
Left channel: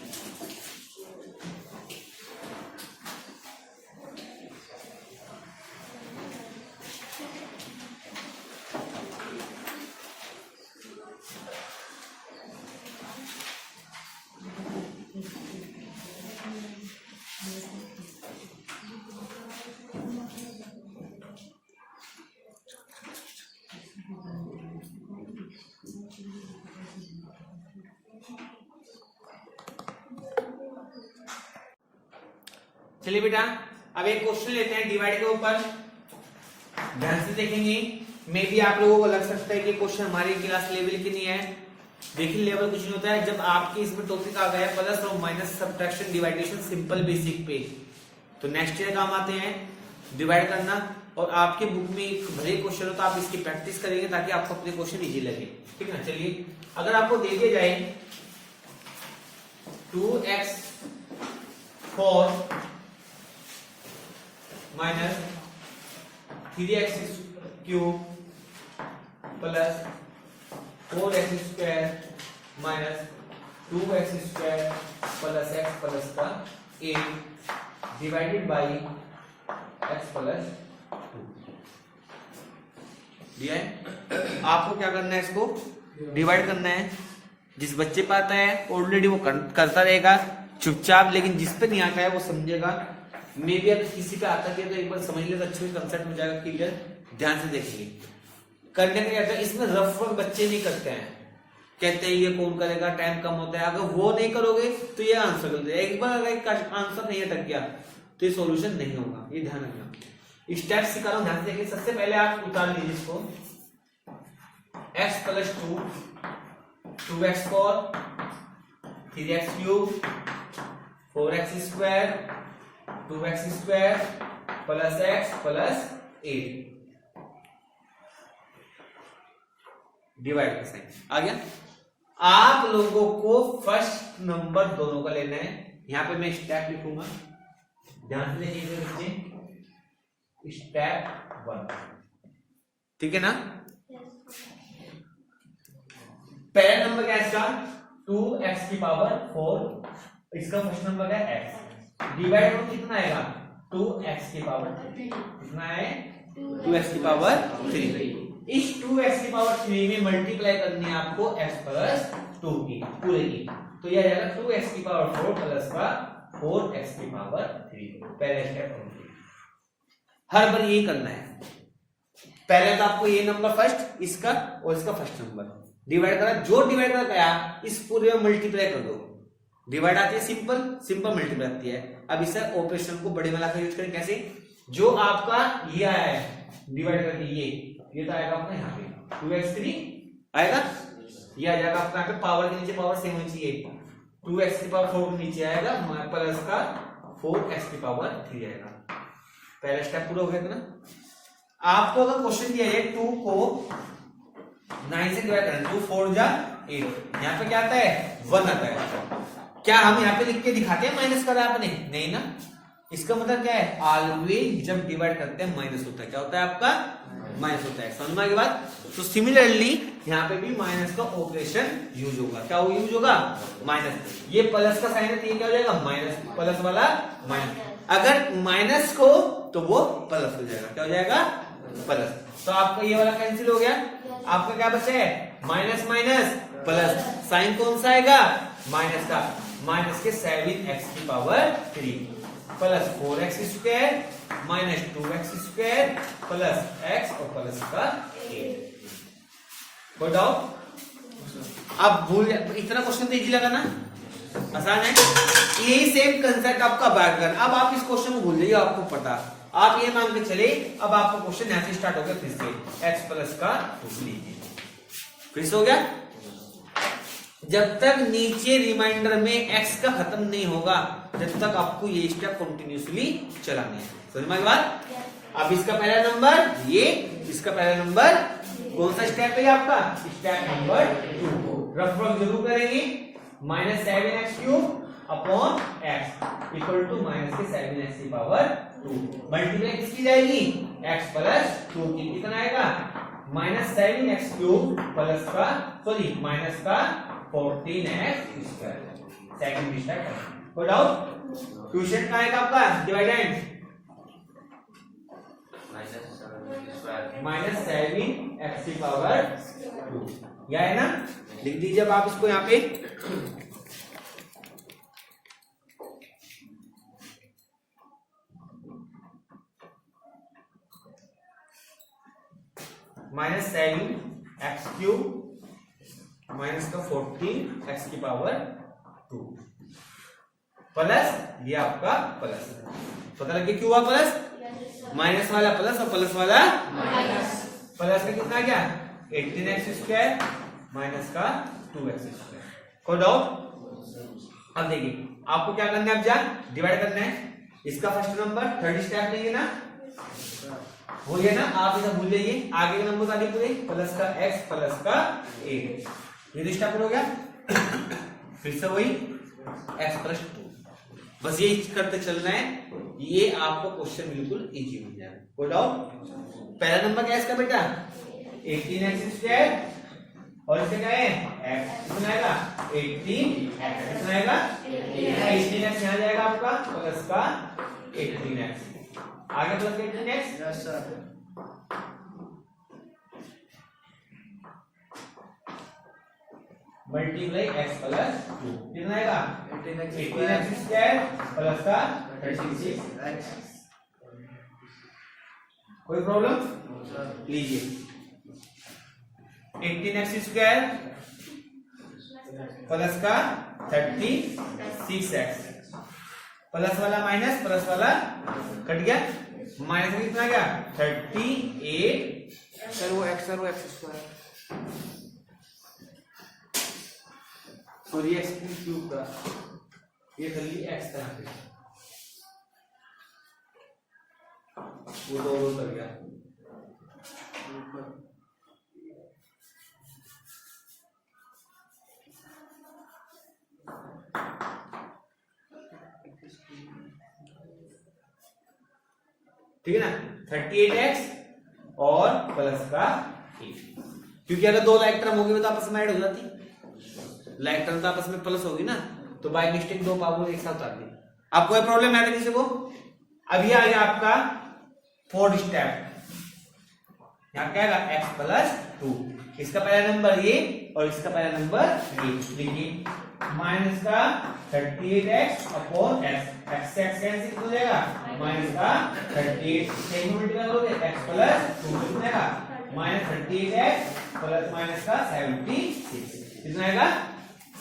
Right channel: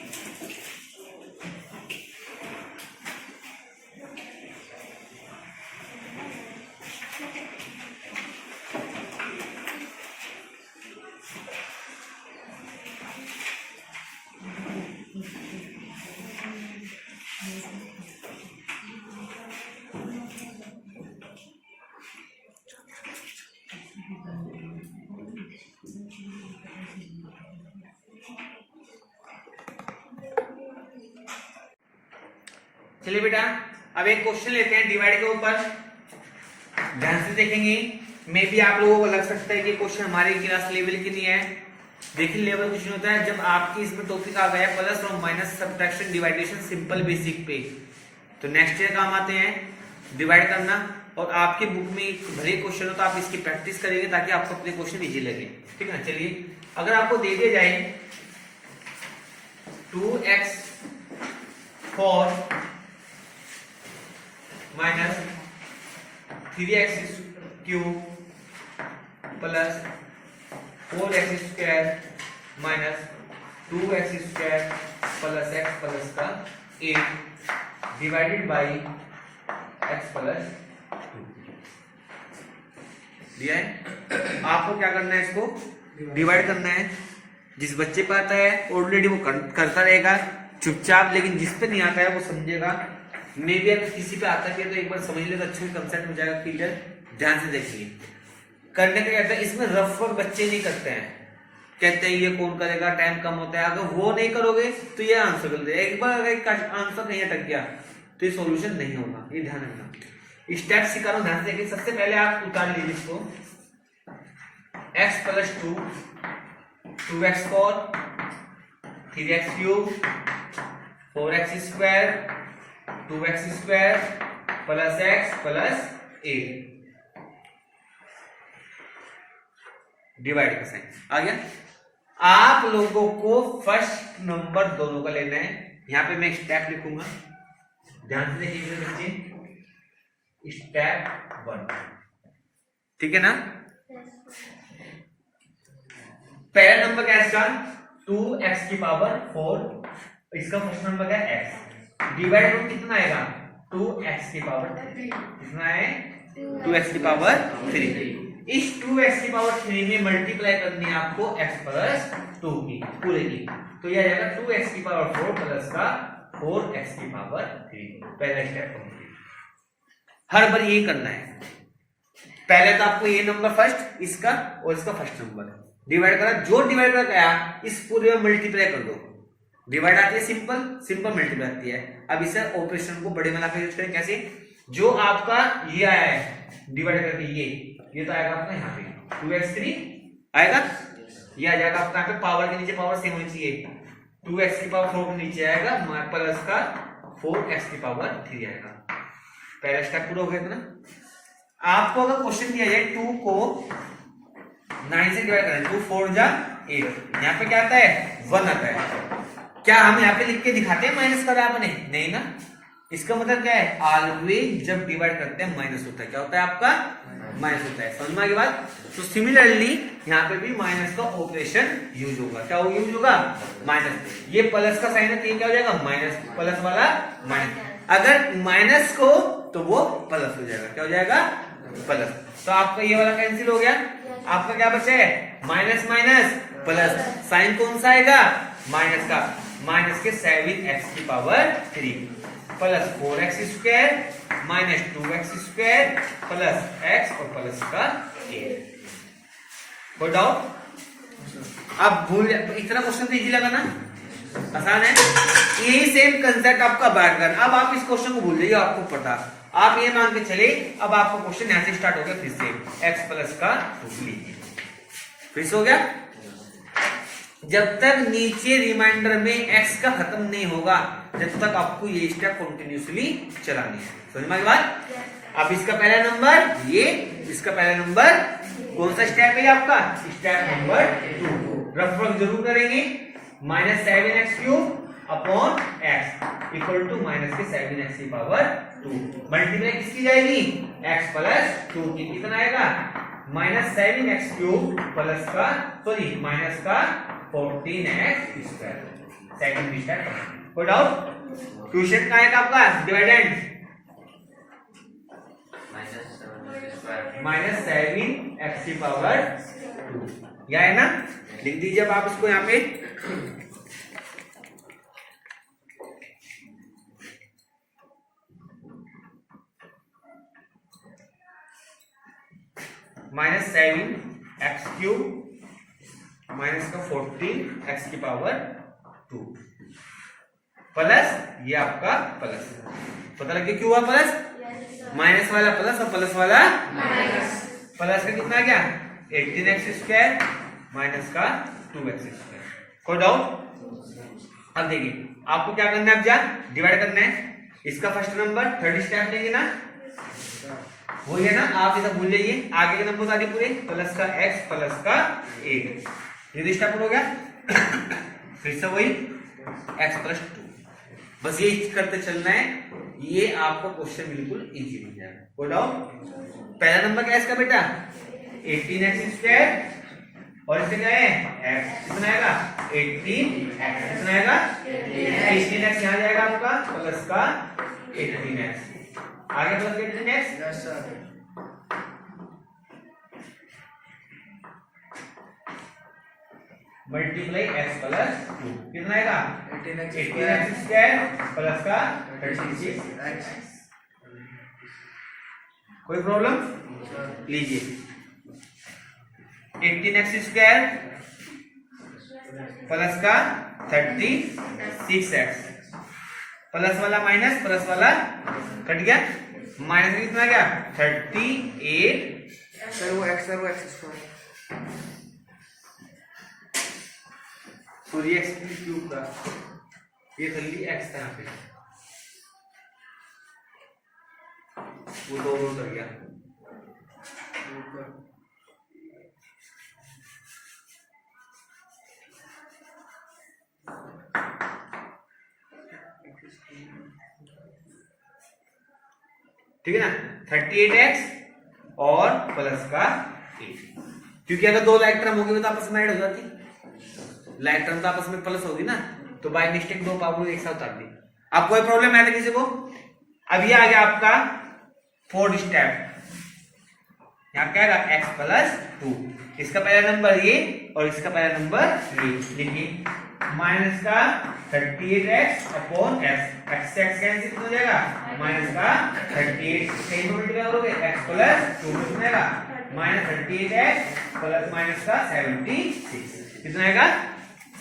चलिए बेटा अब एक क्वेश्चन लेते हैं डिवाइड के ऊपर, ध्यान से देखेंगे। मे भी आप लोगों को लग सकता है कि क्वेश्चन हमारे क्लास लेवल के नहीं है। देखिए लेवल कुछ नहीं होता है, जब आपकी इसमें टॉपिक आ गया प्लस और माइनस सब्ट्रैक्शन डिवाइडेशन सिंपल बेसिक पे, तो नेक्स्ट ईयर काम आते हैं डिवाइड करना। और आपकी बुक में भले क्वेश्चन हो तो आप इसकी प्रैक्टिस करेंगे ताकि आपको अपने क्वेश्चन इजी लगे, ठीक है ना? चलिए अगर आपको दे दिया जाए 2x4 minus 3x cube plus 4x square minus 2x square plus x plus का 8 डिवाइडेड बाई x प्लस 2 दिया है। आपको क्या करना है, इसको डिवाइड करना है। जिस बच्चे पे आता है ऑलरेडी वो करता रहेगा चुपचाप, लेकिन जिस पे नहीं आता है वो समझेगा। मे भी अगर किसी पे आता है तो एक बार समझ लेगा, अच्छे कंसेप्ट में जाएगा क्लियर। ध्यान से देखेंगे करने का कहता है। इसमें रफ वर्क बच्चे नहीं करते हैं, कहते हैं ये कौन करेगा, टाइम कम होता है। अगर वो नहीं करोगे तो ये आंसर कर देगा। एक बार अगर आंसर नहीं अटक गया तो ये सॉल्यूशन नहीं होगा, ये ध्यान रखना। स्टेप सिखा रहा हूं, ध्यान से देखिए। सबसे पहले आप उतार लीजिए इसको, x plus 2x square 3x cube 4x square 2x square plus x plus 8 divide का साइन आ गया। आप लोगों को फर्स्ट नंबर दोनों का लेना है। यहां पे मैं स्टेप लिखूंगा, ध्यान से देखिए बच्चे। स्टेप 1, ठीक है ना। पहला नंबर क्या है इसका 2x की पावर 4, इसका फर्स्ट नंबर क्या है x, डिवाइड में कितना आएगा 2x की पावर 3, कितना है 2x की पावर 3। इस 2x की पावर 3 में मल्टीप्लाई करनी है आपको x प्लस 2 की पूरे की, तो यह आ जाएगा 2x की पावर 4 प्लस का 4x की पावर 3। पहला स्टेप कंप्लीट। हर बार यही करना है। पहले तो आपको ये नंबर फर्स्ट, इसका और इसका फर्स्ट नंबर डिवाइड करा, जो डिवाइड करा गया इस पूरे में मल्टीप्लाई कर दो। डिवाइड आती है सिंपल, सिंपल मल्टीप्लाई आती है। अब इसे ऑपरेशन को बड़े में लाकर यूज करें। कैसे, जो आपका ये आया है डिवाइड करके ये तो आएगा आपका यहाँ पे 2x3 आएगा, ये आ जाएगा आपका यहाँ पे पावर के नीचे पावर सेम होनी चाहिए। 2x की पावर 4 के नीचे आएगा प्लस का 4x की पावर 3 आएगा। पहला स्टेप पूरा हो गया ना। आपको अगर क्वेश्चन दिया जाए 2 को 9 से डिवाइड करें, 2 4 जा 8, यहाँ पे क्या आता है 1 आता है। क्या हम यहाँ पे लिख के दिखाते हैं माइनस करा आपने, नहीं ना। इसका मतलब क्या है, ऑलवेज जब डिवाइड करते हैं माइनस होता है। क्या होता है आपका माइनस होता है, समझना की बात। तो सिमिलरली यहाँ पे भी माइनस का ऑपरेशन यूज होगा। क्या यूज होगा, माइनस। ये प्लस का साइन है तो ये क्या हो जाएगा माइनस, प्लस वाला माइनस। अगर माइनस को तो वो प्लस हो जाएगा, क्या हो जाएगा प्लस। तो आपका ये वाला कैंसिल हो गया। आपका क्या बचा है माइनस माइनस प्लस, साइन कौन सा आएगा माइनस का, माइनस के 7x की power 3 plus 4x square minus 2x square plus x और प्लस का 8। कोई डाउट? अब भूल, इतना क्वेश्चन तो इजी लगा ना, आसान है। यही सेम कंसेप्ट आपका बैक कर। अब आप इस क्वेश्चन को भूल जाइए, आपको पता, आप ये मान के चले अब आपका क्वेश्चन यहां से स्टार्ट हो गया फिर से x प्लस का 2 लीजिए, फिर से हो गया। जब तक नीचे रिमाइंडर में x का खत्म नहीं होगा जब तक आपको ये स्टेप कंटिन्यूसली चलानी है। समझ में बात। अब इसका पहला नंबर ये, इसका पहला नंबर कौन सा स्टेप है आपका, स्टेप नंबर 2। रफ वर्क जरूर करेंगे। Minus 7x cube upon x equal to minus के 7x की पावर 2। मल्टीप्लाई किसकी जाएगी x प्लस 2 की, कितना आएगा माइनस 7x क्यूब प्लस का सॉरी माइनस का 14x स्क्वायर। Second step. कोई डाउट? क्वेश्चन का आएगा आपका डिवाइडेंड माइनस 7x की पावर 2, यह है ना। लिख दीजिए अब आप इसको यहाँ पे। माइनस 7x क्यूब माइनस का 14x की पावर 2 प्लस ये आपका प्लस, पता लग गया क्यों हुआ प्लस, माइनस वाला प्लस और प्लस वाला माइनस। प्लस का कितना आ गया 18x स्क्वायर माइनस का 2x स्क्वायर। कोई डाउट? अब देखिए आपको क्या करना है, अब जा डिवाइड करना है। इसका फर्स्ट नंबर थर्ड स्टेप लेंगे ना, वो है ना। आप इसे भूल जाइए, आगे के नंबर सारे पूरे प्लस का x प्लस का 8, ये स्टेप हो गया। फिर से वही x प्लस 2, बस ये करते चलना है। ये आपका क्वेश्चन बिल्कुल इजी हो जाएगा। Go down. पहला नंबर क्या है इसका बेटा 18x² और इससे क्या है x कितना आएगा 18x कितना आएगा 18x यहाँ जाएगा आपका प्लस का 18x आगे plus 18x yes sir multiply x plus 2 कितना आएगा 18x² प्लस का 36x। कोई प्रॉब्लम सर लीजिए 18x² प्लस का 36x प्लस वाला माइनस प्लस वाला कट गया माइनस कितना गया 38 सर वो x² सॉरी x क्यूब का ये कर ली x था यहाँ पे वो दो कर गया ठीक है ना 38x और प्लस का 8 क्योंकि अगर दो लाइक टर्म होगी तो आपस में ऐड हो जाती लाइक टर्म तो आपस में प्लस होगी ना तो बाय मिस्टेक दो पावर एक साथ उतार दी। अब कोई प्रॉब्लम है किसी को अब ये आ गया आपका फोर्थ स्टेप यहाँ क्या आएगा x प्लस 2 इसका पहला नंबर ये और इसका पहला नंबर ये लिखिए माइनस का 38x अपॉन x कैंसिल कितना हो जाएगा माइनस का 38 सेम मल्टीप्लाई करोगे x प्लस 2 कितना आएगा माइनस 38x प्लस माइनस का 76 कितना आएगा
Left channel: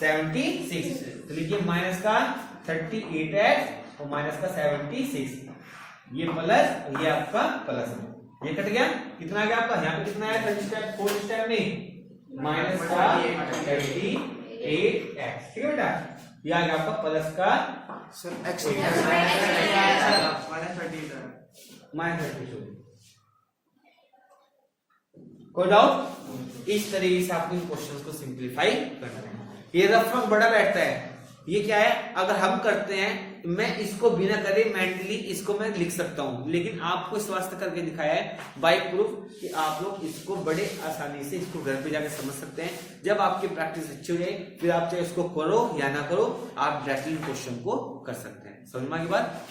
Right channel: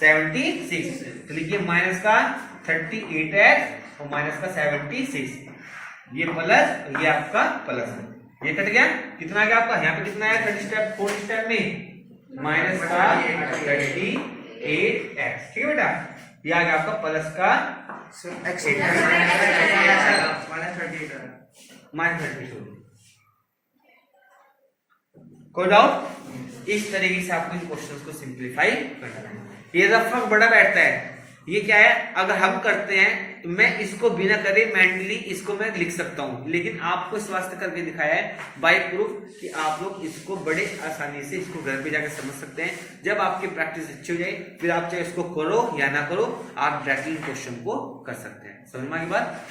76 तो लिखिए माइनस का 38x और माइनस का 76 ये प्लस ये आपका प्लस है ये कट गया कितना आ गया आपका यहाँ पे कितना आया थर्ड स्टेप फोर्थ स्टेप में माइनस का 38x ठीक है बेटा ये आ गया आपका प्लस का सर x -38 कोई डाउट इस तरीके से आपको इन क्वेश्चंस को सिंपलीफाई करना है। ये रफ वर्क बड़ा बैठता है ये क्या है अगर हम करते हैं तो मैं इसको बिना करे मेंटली इसको मैं लिख सकता हूं लेकिन आपको इस वास्ते करके दिखाया है बाय प्रूफ कि आप लोग इसको बड़े आसानी से इसको घर पे जाकर समझ सकते हैं। जब आपकी प्रैक्टिस अच्छी हो जाए फिर आप चाहे इसको करो या ना करो आप डायरेक्टली क्वेश्चन को कर सकते हैं। समझ में आई बात।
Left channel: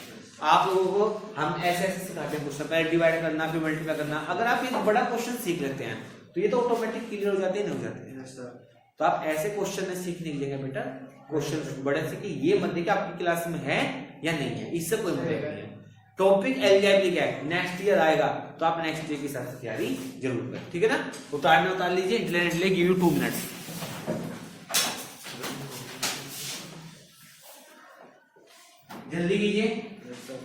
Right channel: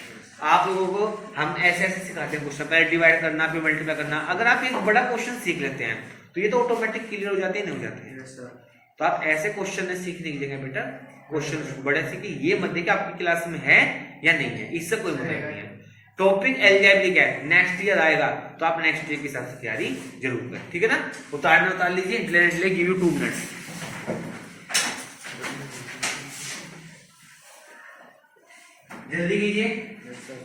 आप लोगों को हम ऐसे ऐसे सिखाते हैं क्वेश्चन पहले डिवाइड करना फिर मल्टीप्लाई करना। अगर आप एक बड़ा क्वेश्चन सीख लेते हैं तो ये तो ऑटोमेटिक क्लियर हो जाते हैं नहीं हो जाते हैं। यस सर तो आप ऐसे क्वेश्चन में सीखने की जगह बेटा क्वेश्चन बड़े सीखे ये मत देखिए आपकी क्लास में है या नहीं है इससे कोई मतलब नहीं है। टॉपिक एल्जेब्रिक है नेक्स्ट ईयर आएगा तो आप नेक्स्ट ईयर के हिसाब से तैयारी जरूर करें ठीक है ना। उतार लीजिए इंटरनेट गिव यू 2 मिनट्स जल्दी कीजिए। यस सर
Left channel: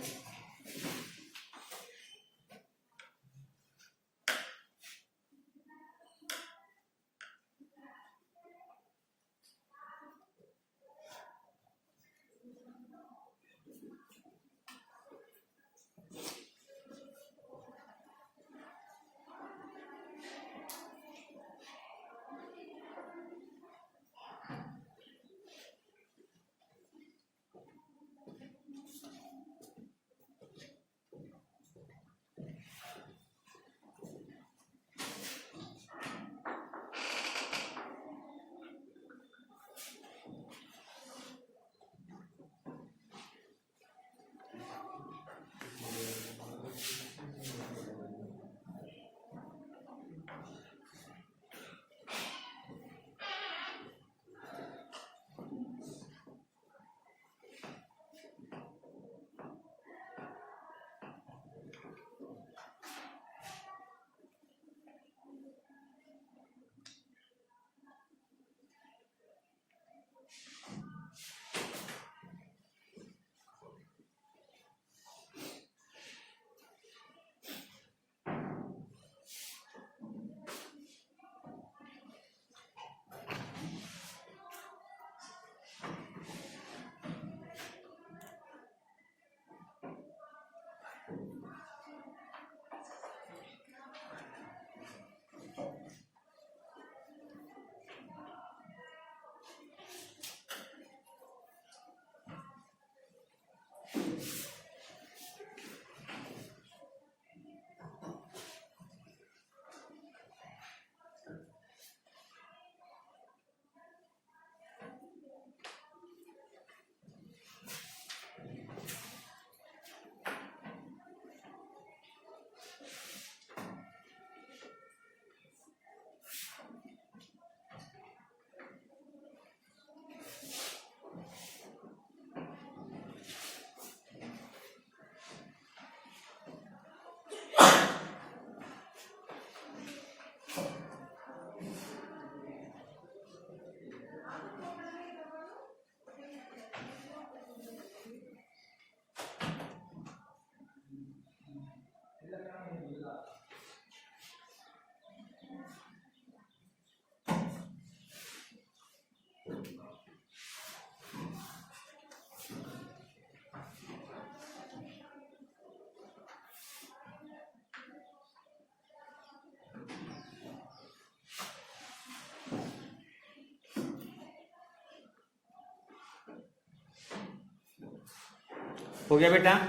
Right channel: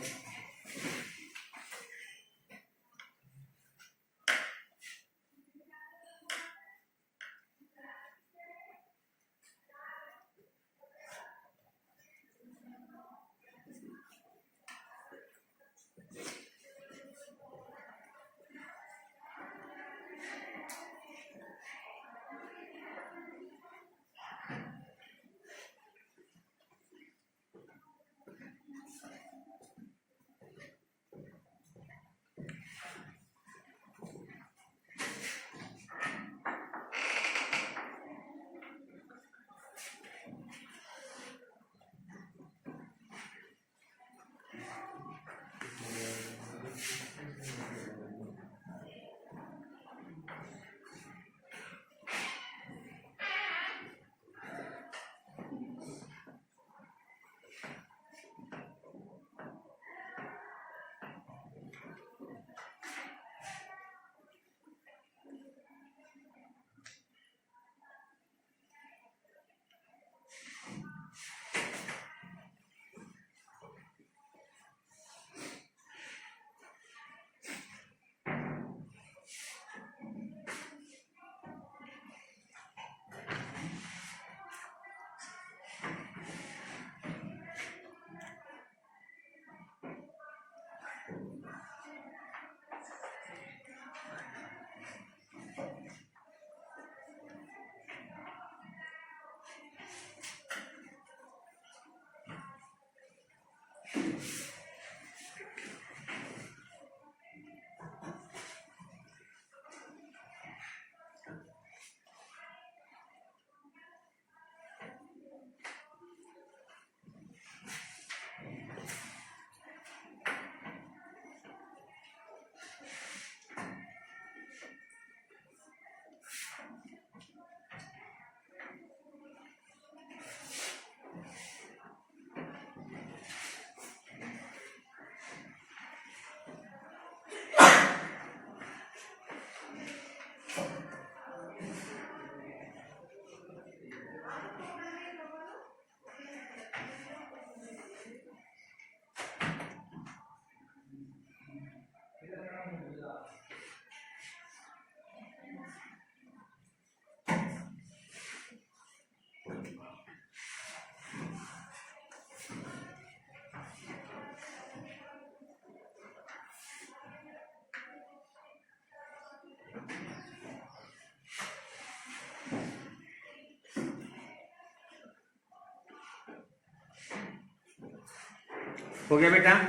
हो गया बेटा?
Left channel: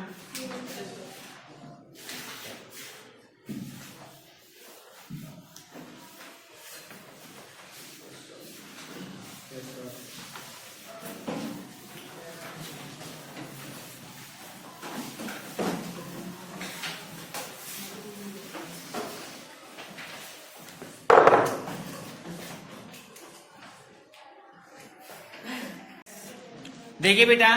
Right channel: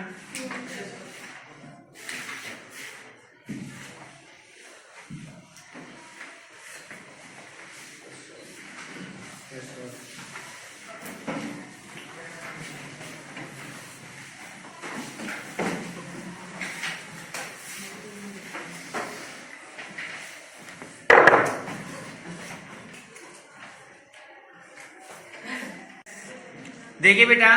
Yes, sir. देखिए बेटा,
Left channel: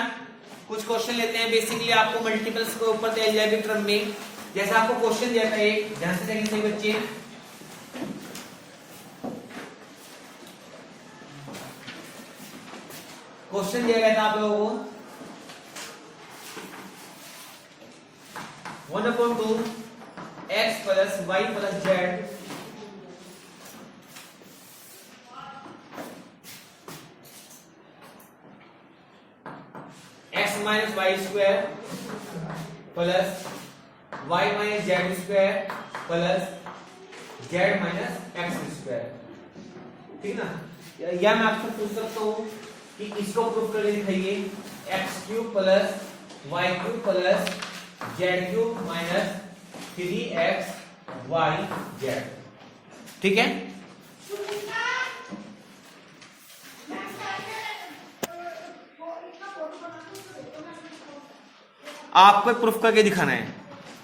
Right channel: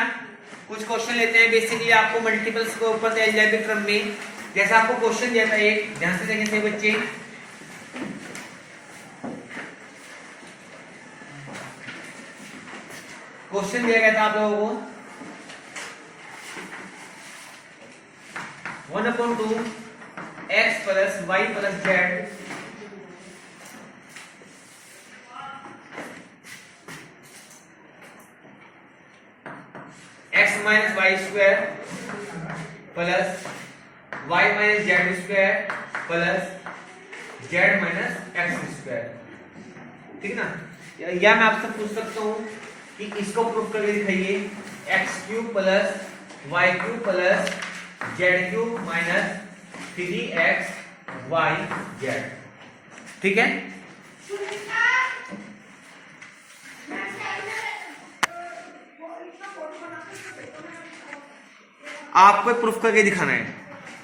कुछ क्वेश्चन लेते हैं। बेसिकली आपको मल्टीपल्स के ऊपर एल्जेब्रिक क्रम में जैसा आपको क्वेश्चन दिया था, एक ध्यान से देखें सही बच्चे। क्वेश्चन दिया गया था आप लोगों को 1/2 x plus y plus z x minus y square plus y minus z square plus z minus x square. ठीक ना? या मैं आपसे पूछ सकता हूं कि इसको प्रूफ करके दिखाइए। X cube plus y cube plus z cube minus 3x y z। ठीक है? आपको प्रूफ करके दिखाना है,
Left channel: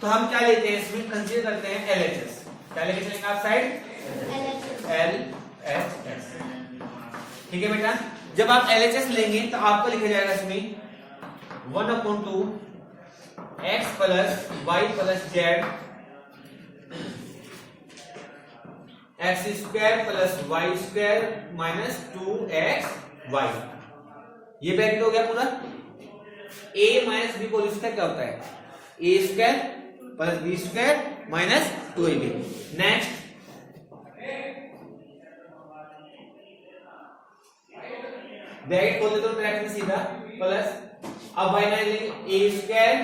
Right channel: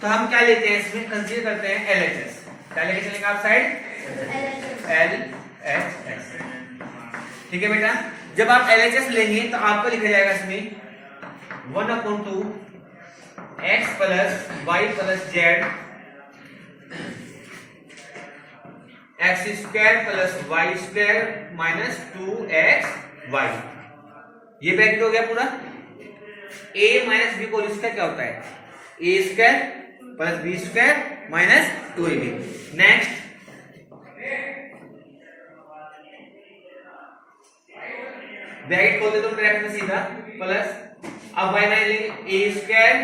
तो हम क्या लेते हैं इसमें, कंसीडर करते हैं LHS। क्या लेके चलेंगे आप साइड? LHS। ठीक है बेटा? जब आप LHS लेंगे तो आपको लिखा जाएगा इसमें 1/2 x plus y plus z x square plus y square minus 2xy। ये ब्रैकेट हो गया पूरा। a माइनस बी को इसका क्या होता है? a square plus b square minus 2ab। Next bracket खोल देता हूं ब्रैकेट में सीधा प्लस, अब y माइनस लेंगे a square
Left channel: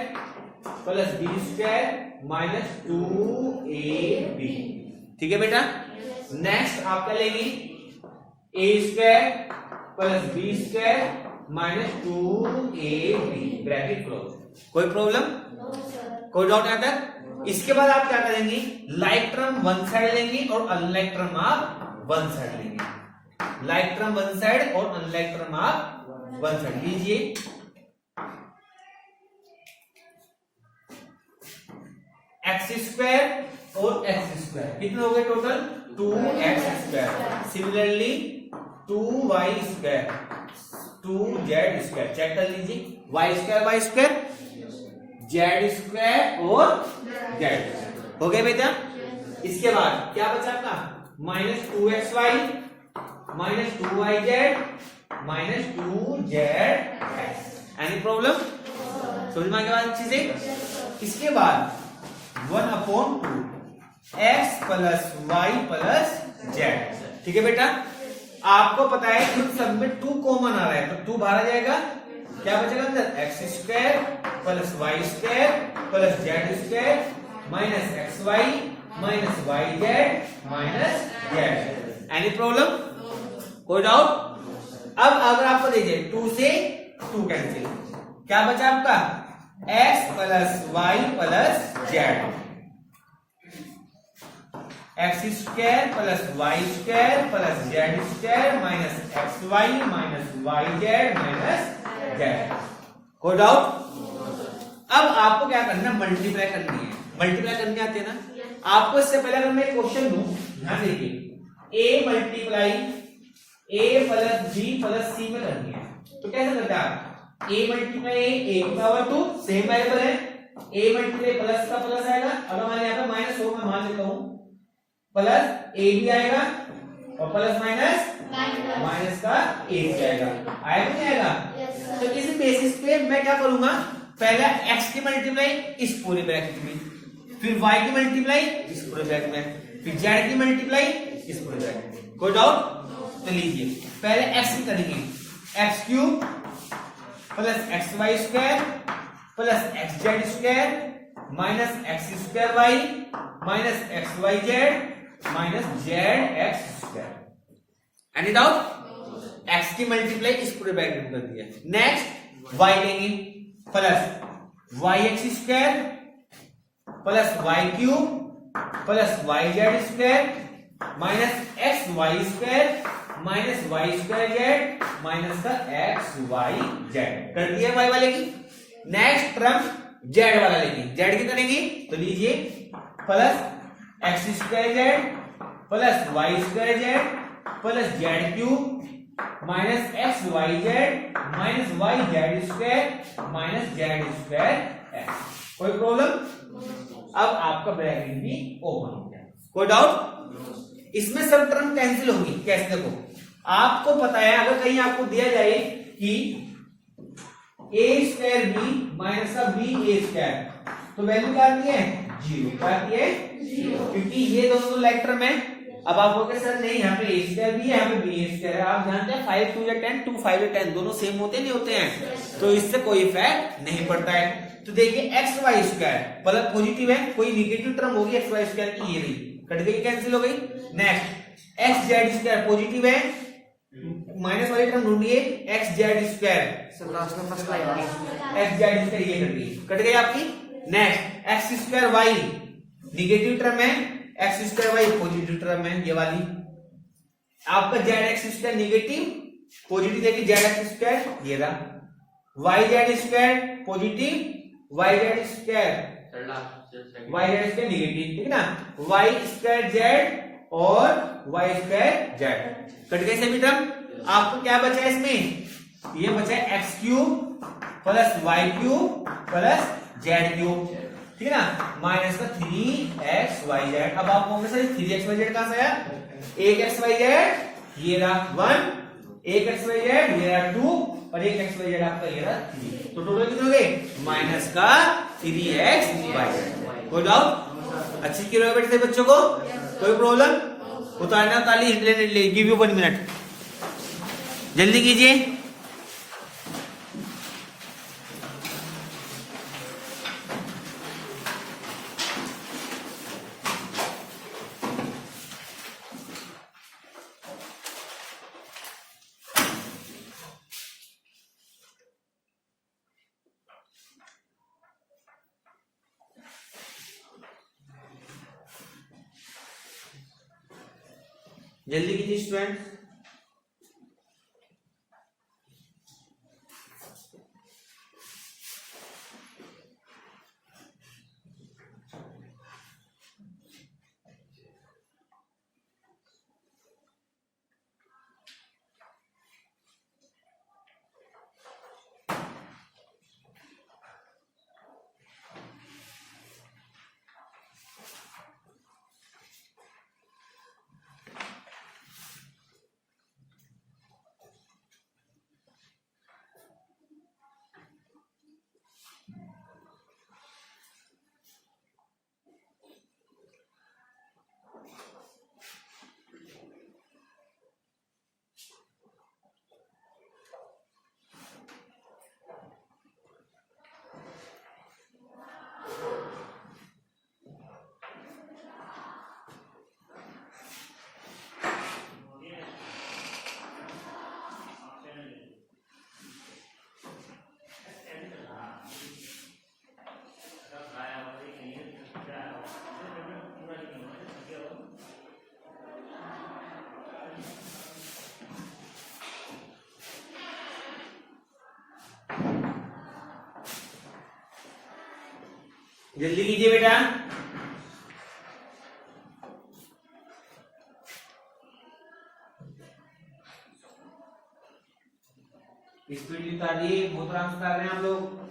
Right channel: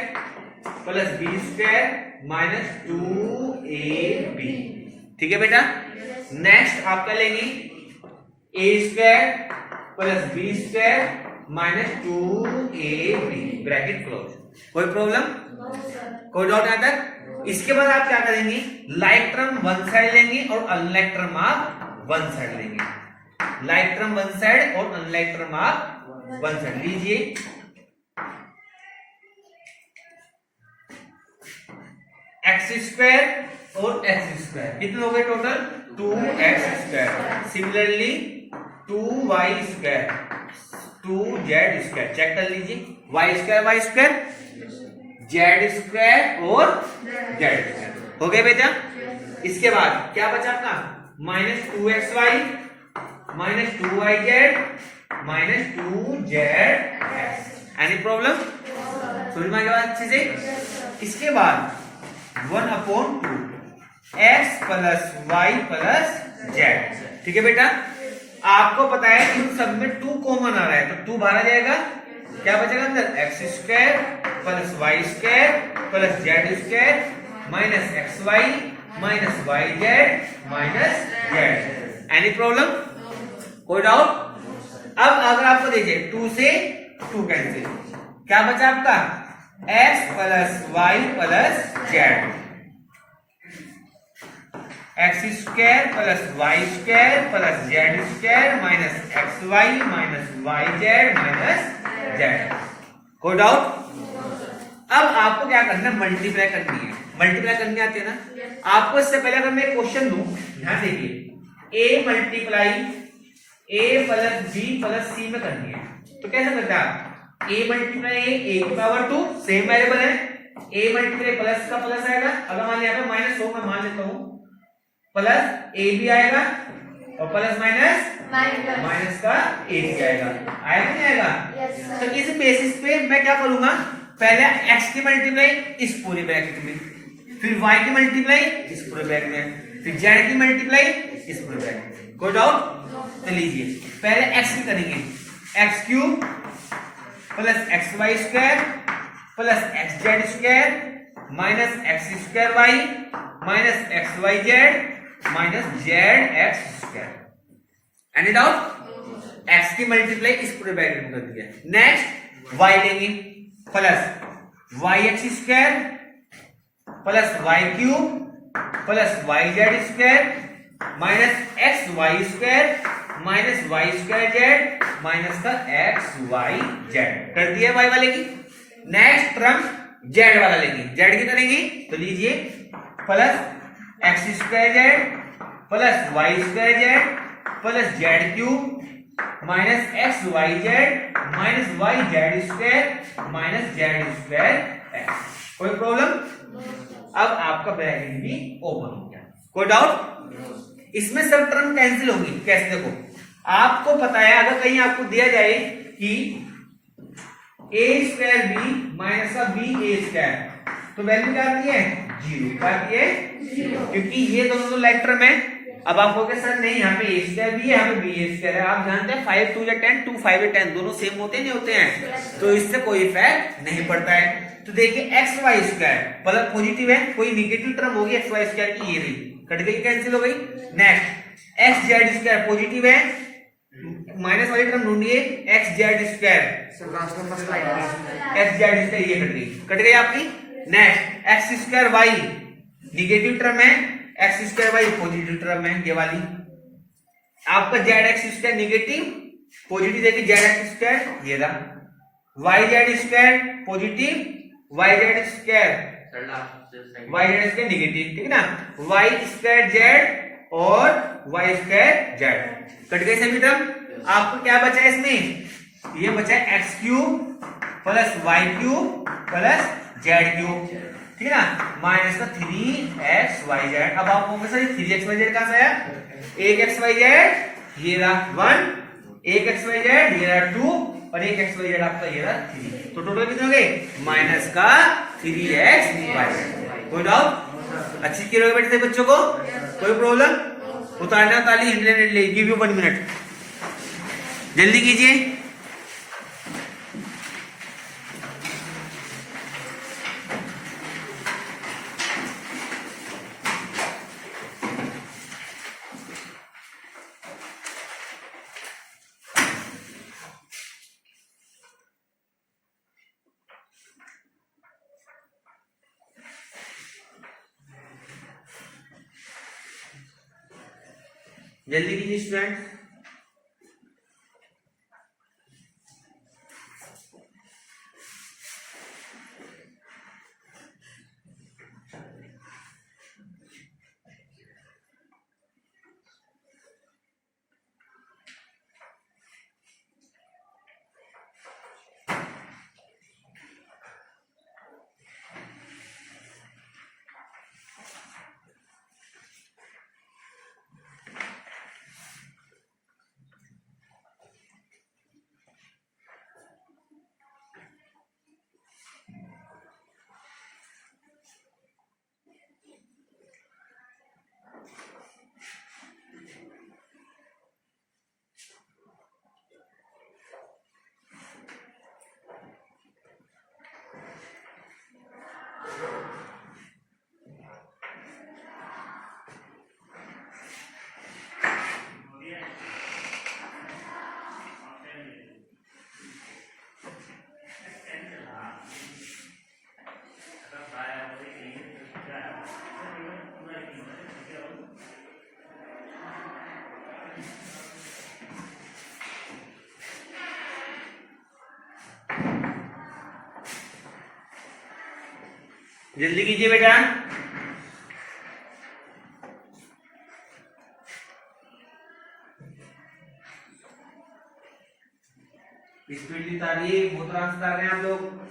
plus b square minus 2ab। ठीक है बेटा? नेक्स्ट आप क्या लेंगे? a square plus b square minus 2ab bracket close. कोई प्रॉब्लम? कोई डाउट यहाँ तक? इसके बाद आप क्या करेंगे? लाइक टर्म वन साइड लेंगे और अनलाइक टर्म आप वन साइड लेंगे। लाइक टर्म वन साइड और अनलाइक टर्म आप वन साइड लीजिए। एक्स स्क्वायर और एक्स स्क्वायर कितने हो गए total? 2x square. Similarly 2y square 2z square. Check कर लीजिए, y स्क्वायर z स्क्वायर और z स्क्वायर हो गए बेटा? इसके बाद क्या बचा आपका? Minus 2xy minus 2yz minus 2zx। Any problem? समझ में आ गया अच्छे से? इसके बाद 1/2 x plus y plus z। ठीक है बेटा? आपको पता है इन सब में 2 कॉमन आ रहा है, तो 2 बाहर आ जाएगा। क्या बचेगा अंदर? X square plus y square plus z square minus xy minus yz minus z। Any problem? कोई डाउट? अब अगर आपको दे दिए 2 से 2 कैंसिल, क्या बचा आपका? x plus y plus z। X square plus y square plus z square minus xy minus yz minus z। कोई डाउट? अब आपको क्या करना है? मल्टीप्लाई करनी है। मल्टीप्लाई करनी आती है ना? आपको इससे पहले अगर मैं क्वेश्चन दूं, ध्यान देखिए, a multiply a plus b plus c में करनी है, तो कैसे करते हैं आप? a मल्टीप्लाई a की पावर 2 सेम वेरिएबल है, a मल्टीप्लाई प्लस का प्लस आएगा। अगर मान यहाँ पर माइनस हो, मैं मान लेता हूं, प्लस a भी आएगा और प्लस माइनस माइनस का a भी आएगा। आएगा नहीं आएगा? तो इस बेसिस पे मैं क्या करूंगा? पहले x की मल्टीप्लाई इस पूरे ब्रैकेट में, फिर y की मल्टीप्लाई इस पूरे ब्रैकेट में, फिर z की मल्टीप्लाई इस पूरे ब्रैकेट में। कोई डाउट? तो लीजिए, पहले x की करेंगे, x cube plus xy square plus xz square minus x square y minus xyz minus zx square. Any doubt? x की मल्टीप्लाई इस पूरे ब्रैकेट में कर दिया। नेक्स्ट y लेंगे plus y x square plus y cube plus y z square minus x y square minus y square z minus का एक्स वाई जेड कर दिया वाई वाले की। नेक्स्ट टर्म जेड वाला लेंगे, जेड की करेंगे तो लीजिए plus x square z plus y square z plus z cube minus x y z minus y z square minus z square x. कोई प्रॉब्लम? अब आपका ब्रैकेट भी ओपन हो गया। कोई डाउट? इसमें सब टर्म कैंसिल होगी। कैसे? देखो आपको पता है अगर कहीं आपको दिया जाए कि ए स्क्वायर बी माइनस का बी ए स्क्वायर तो वैल्यू क्या आती है? 0। क्या आती है? 0। क्योंकि ये दोनों तो लाइक टर्म है। अब आप बोलोगे सर नहीं यहाँ पे ए स्क्वायर भी है यहाँ पे बी ए स्क्वायर है। आप जानते हैं 5 2 या 10 2 5 या 10 दोनों सेम होते नहीं होते हैं, तो इससे कोई इफेक्ट नहीं पड़ता है। तो देखिए एक्स वाई स्क्वायर मतलब पॉजिटिव है, कोई निगेटिव टर्म होगी एक्स वाई स्क्वायर की, ये रही कट गई कैंसिल हो गई। Next x z square positive है, माइनस वाली टर्म ढूंढिए x z square sir last number slide x z square ये कट गई आपकी। Next x square y negative term है, x square y positive term है ये वाली। आपका z x square negative positive देखिए जेड एक्स स्क्वायर ये रहा। Y z square positive y z square negative, ठीक है ना। वाई स्क्वायर जेड और वाई स्क्वायर जेड कट गए सभी टर्म। आपको क्या बचा है इसमें? ये बचा है x cube plus y cube plus z cube, ठीक है ना, माइनस का 3xyz। अब आप कहोगे सर 3xyz कहां से आया? एक xyz ये रहा 1, एक xyz ये रहा 2 और एक xyz आपका ये रहा 3। तो टोटल कितने हो गए? माइनस का 3xyz। कोई डाउट? अच्छी क्लियर हो गए बच्चों को? कोई प्रॉब्लम? उतारना ताली इंटरनेट ले गिव यू 1 मिनट, जल्दी कीजिए। जल्दी कीजिए स्टूडेंट। जल्दी कीजिए बेटा। स्पीड भी उतारिए, बहुत आराम से उतार रहे हैं आप लोग।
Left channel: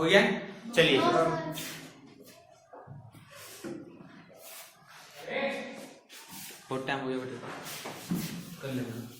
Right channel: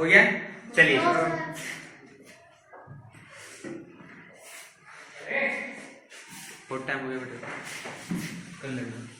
हो गया, चलिए बहुत टाइम हो गया बेटा, कर लेना।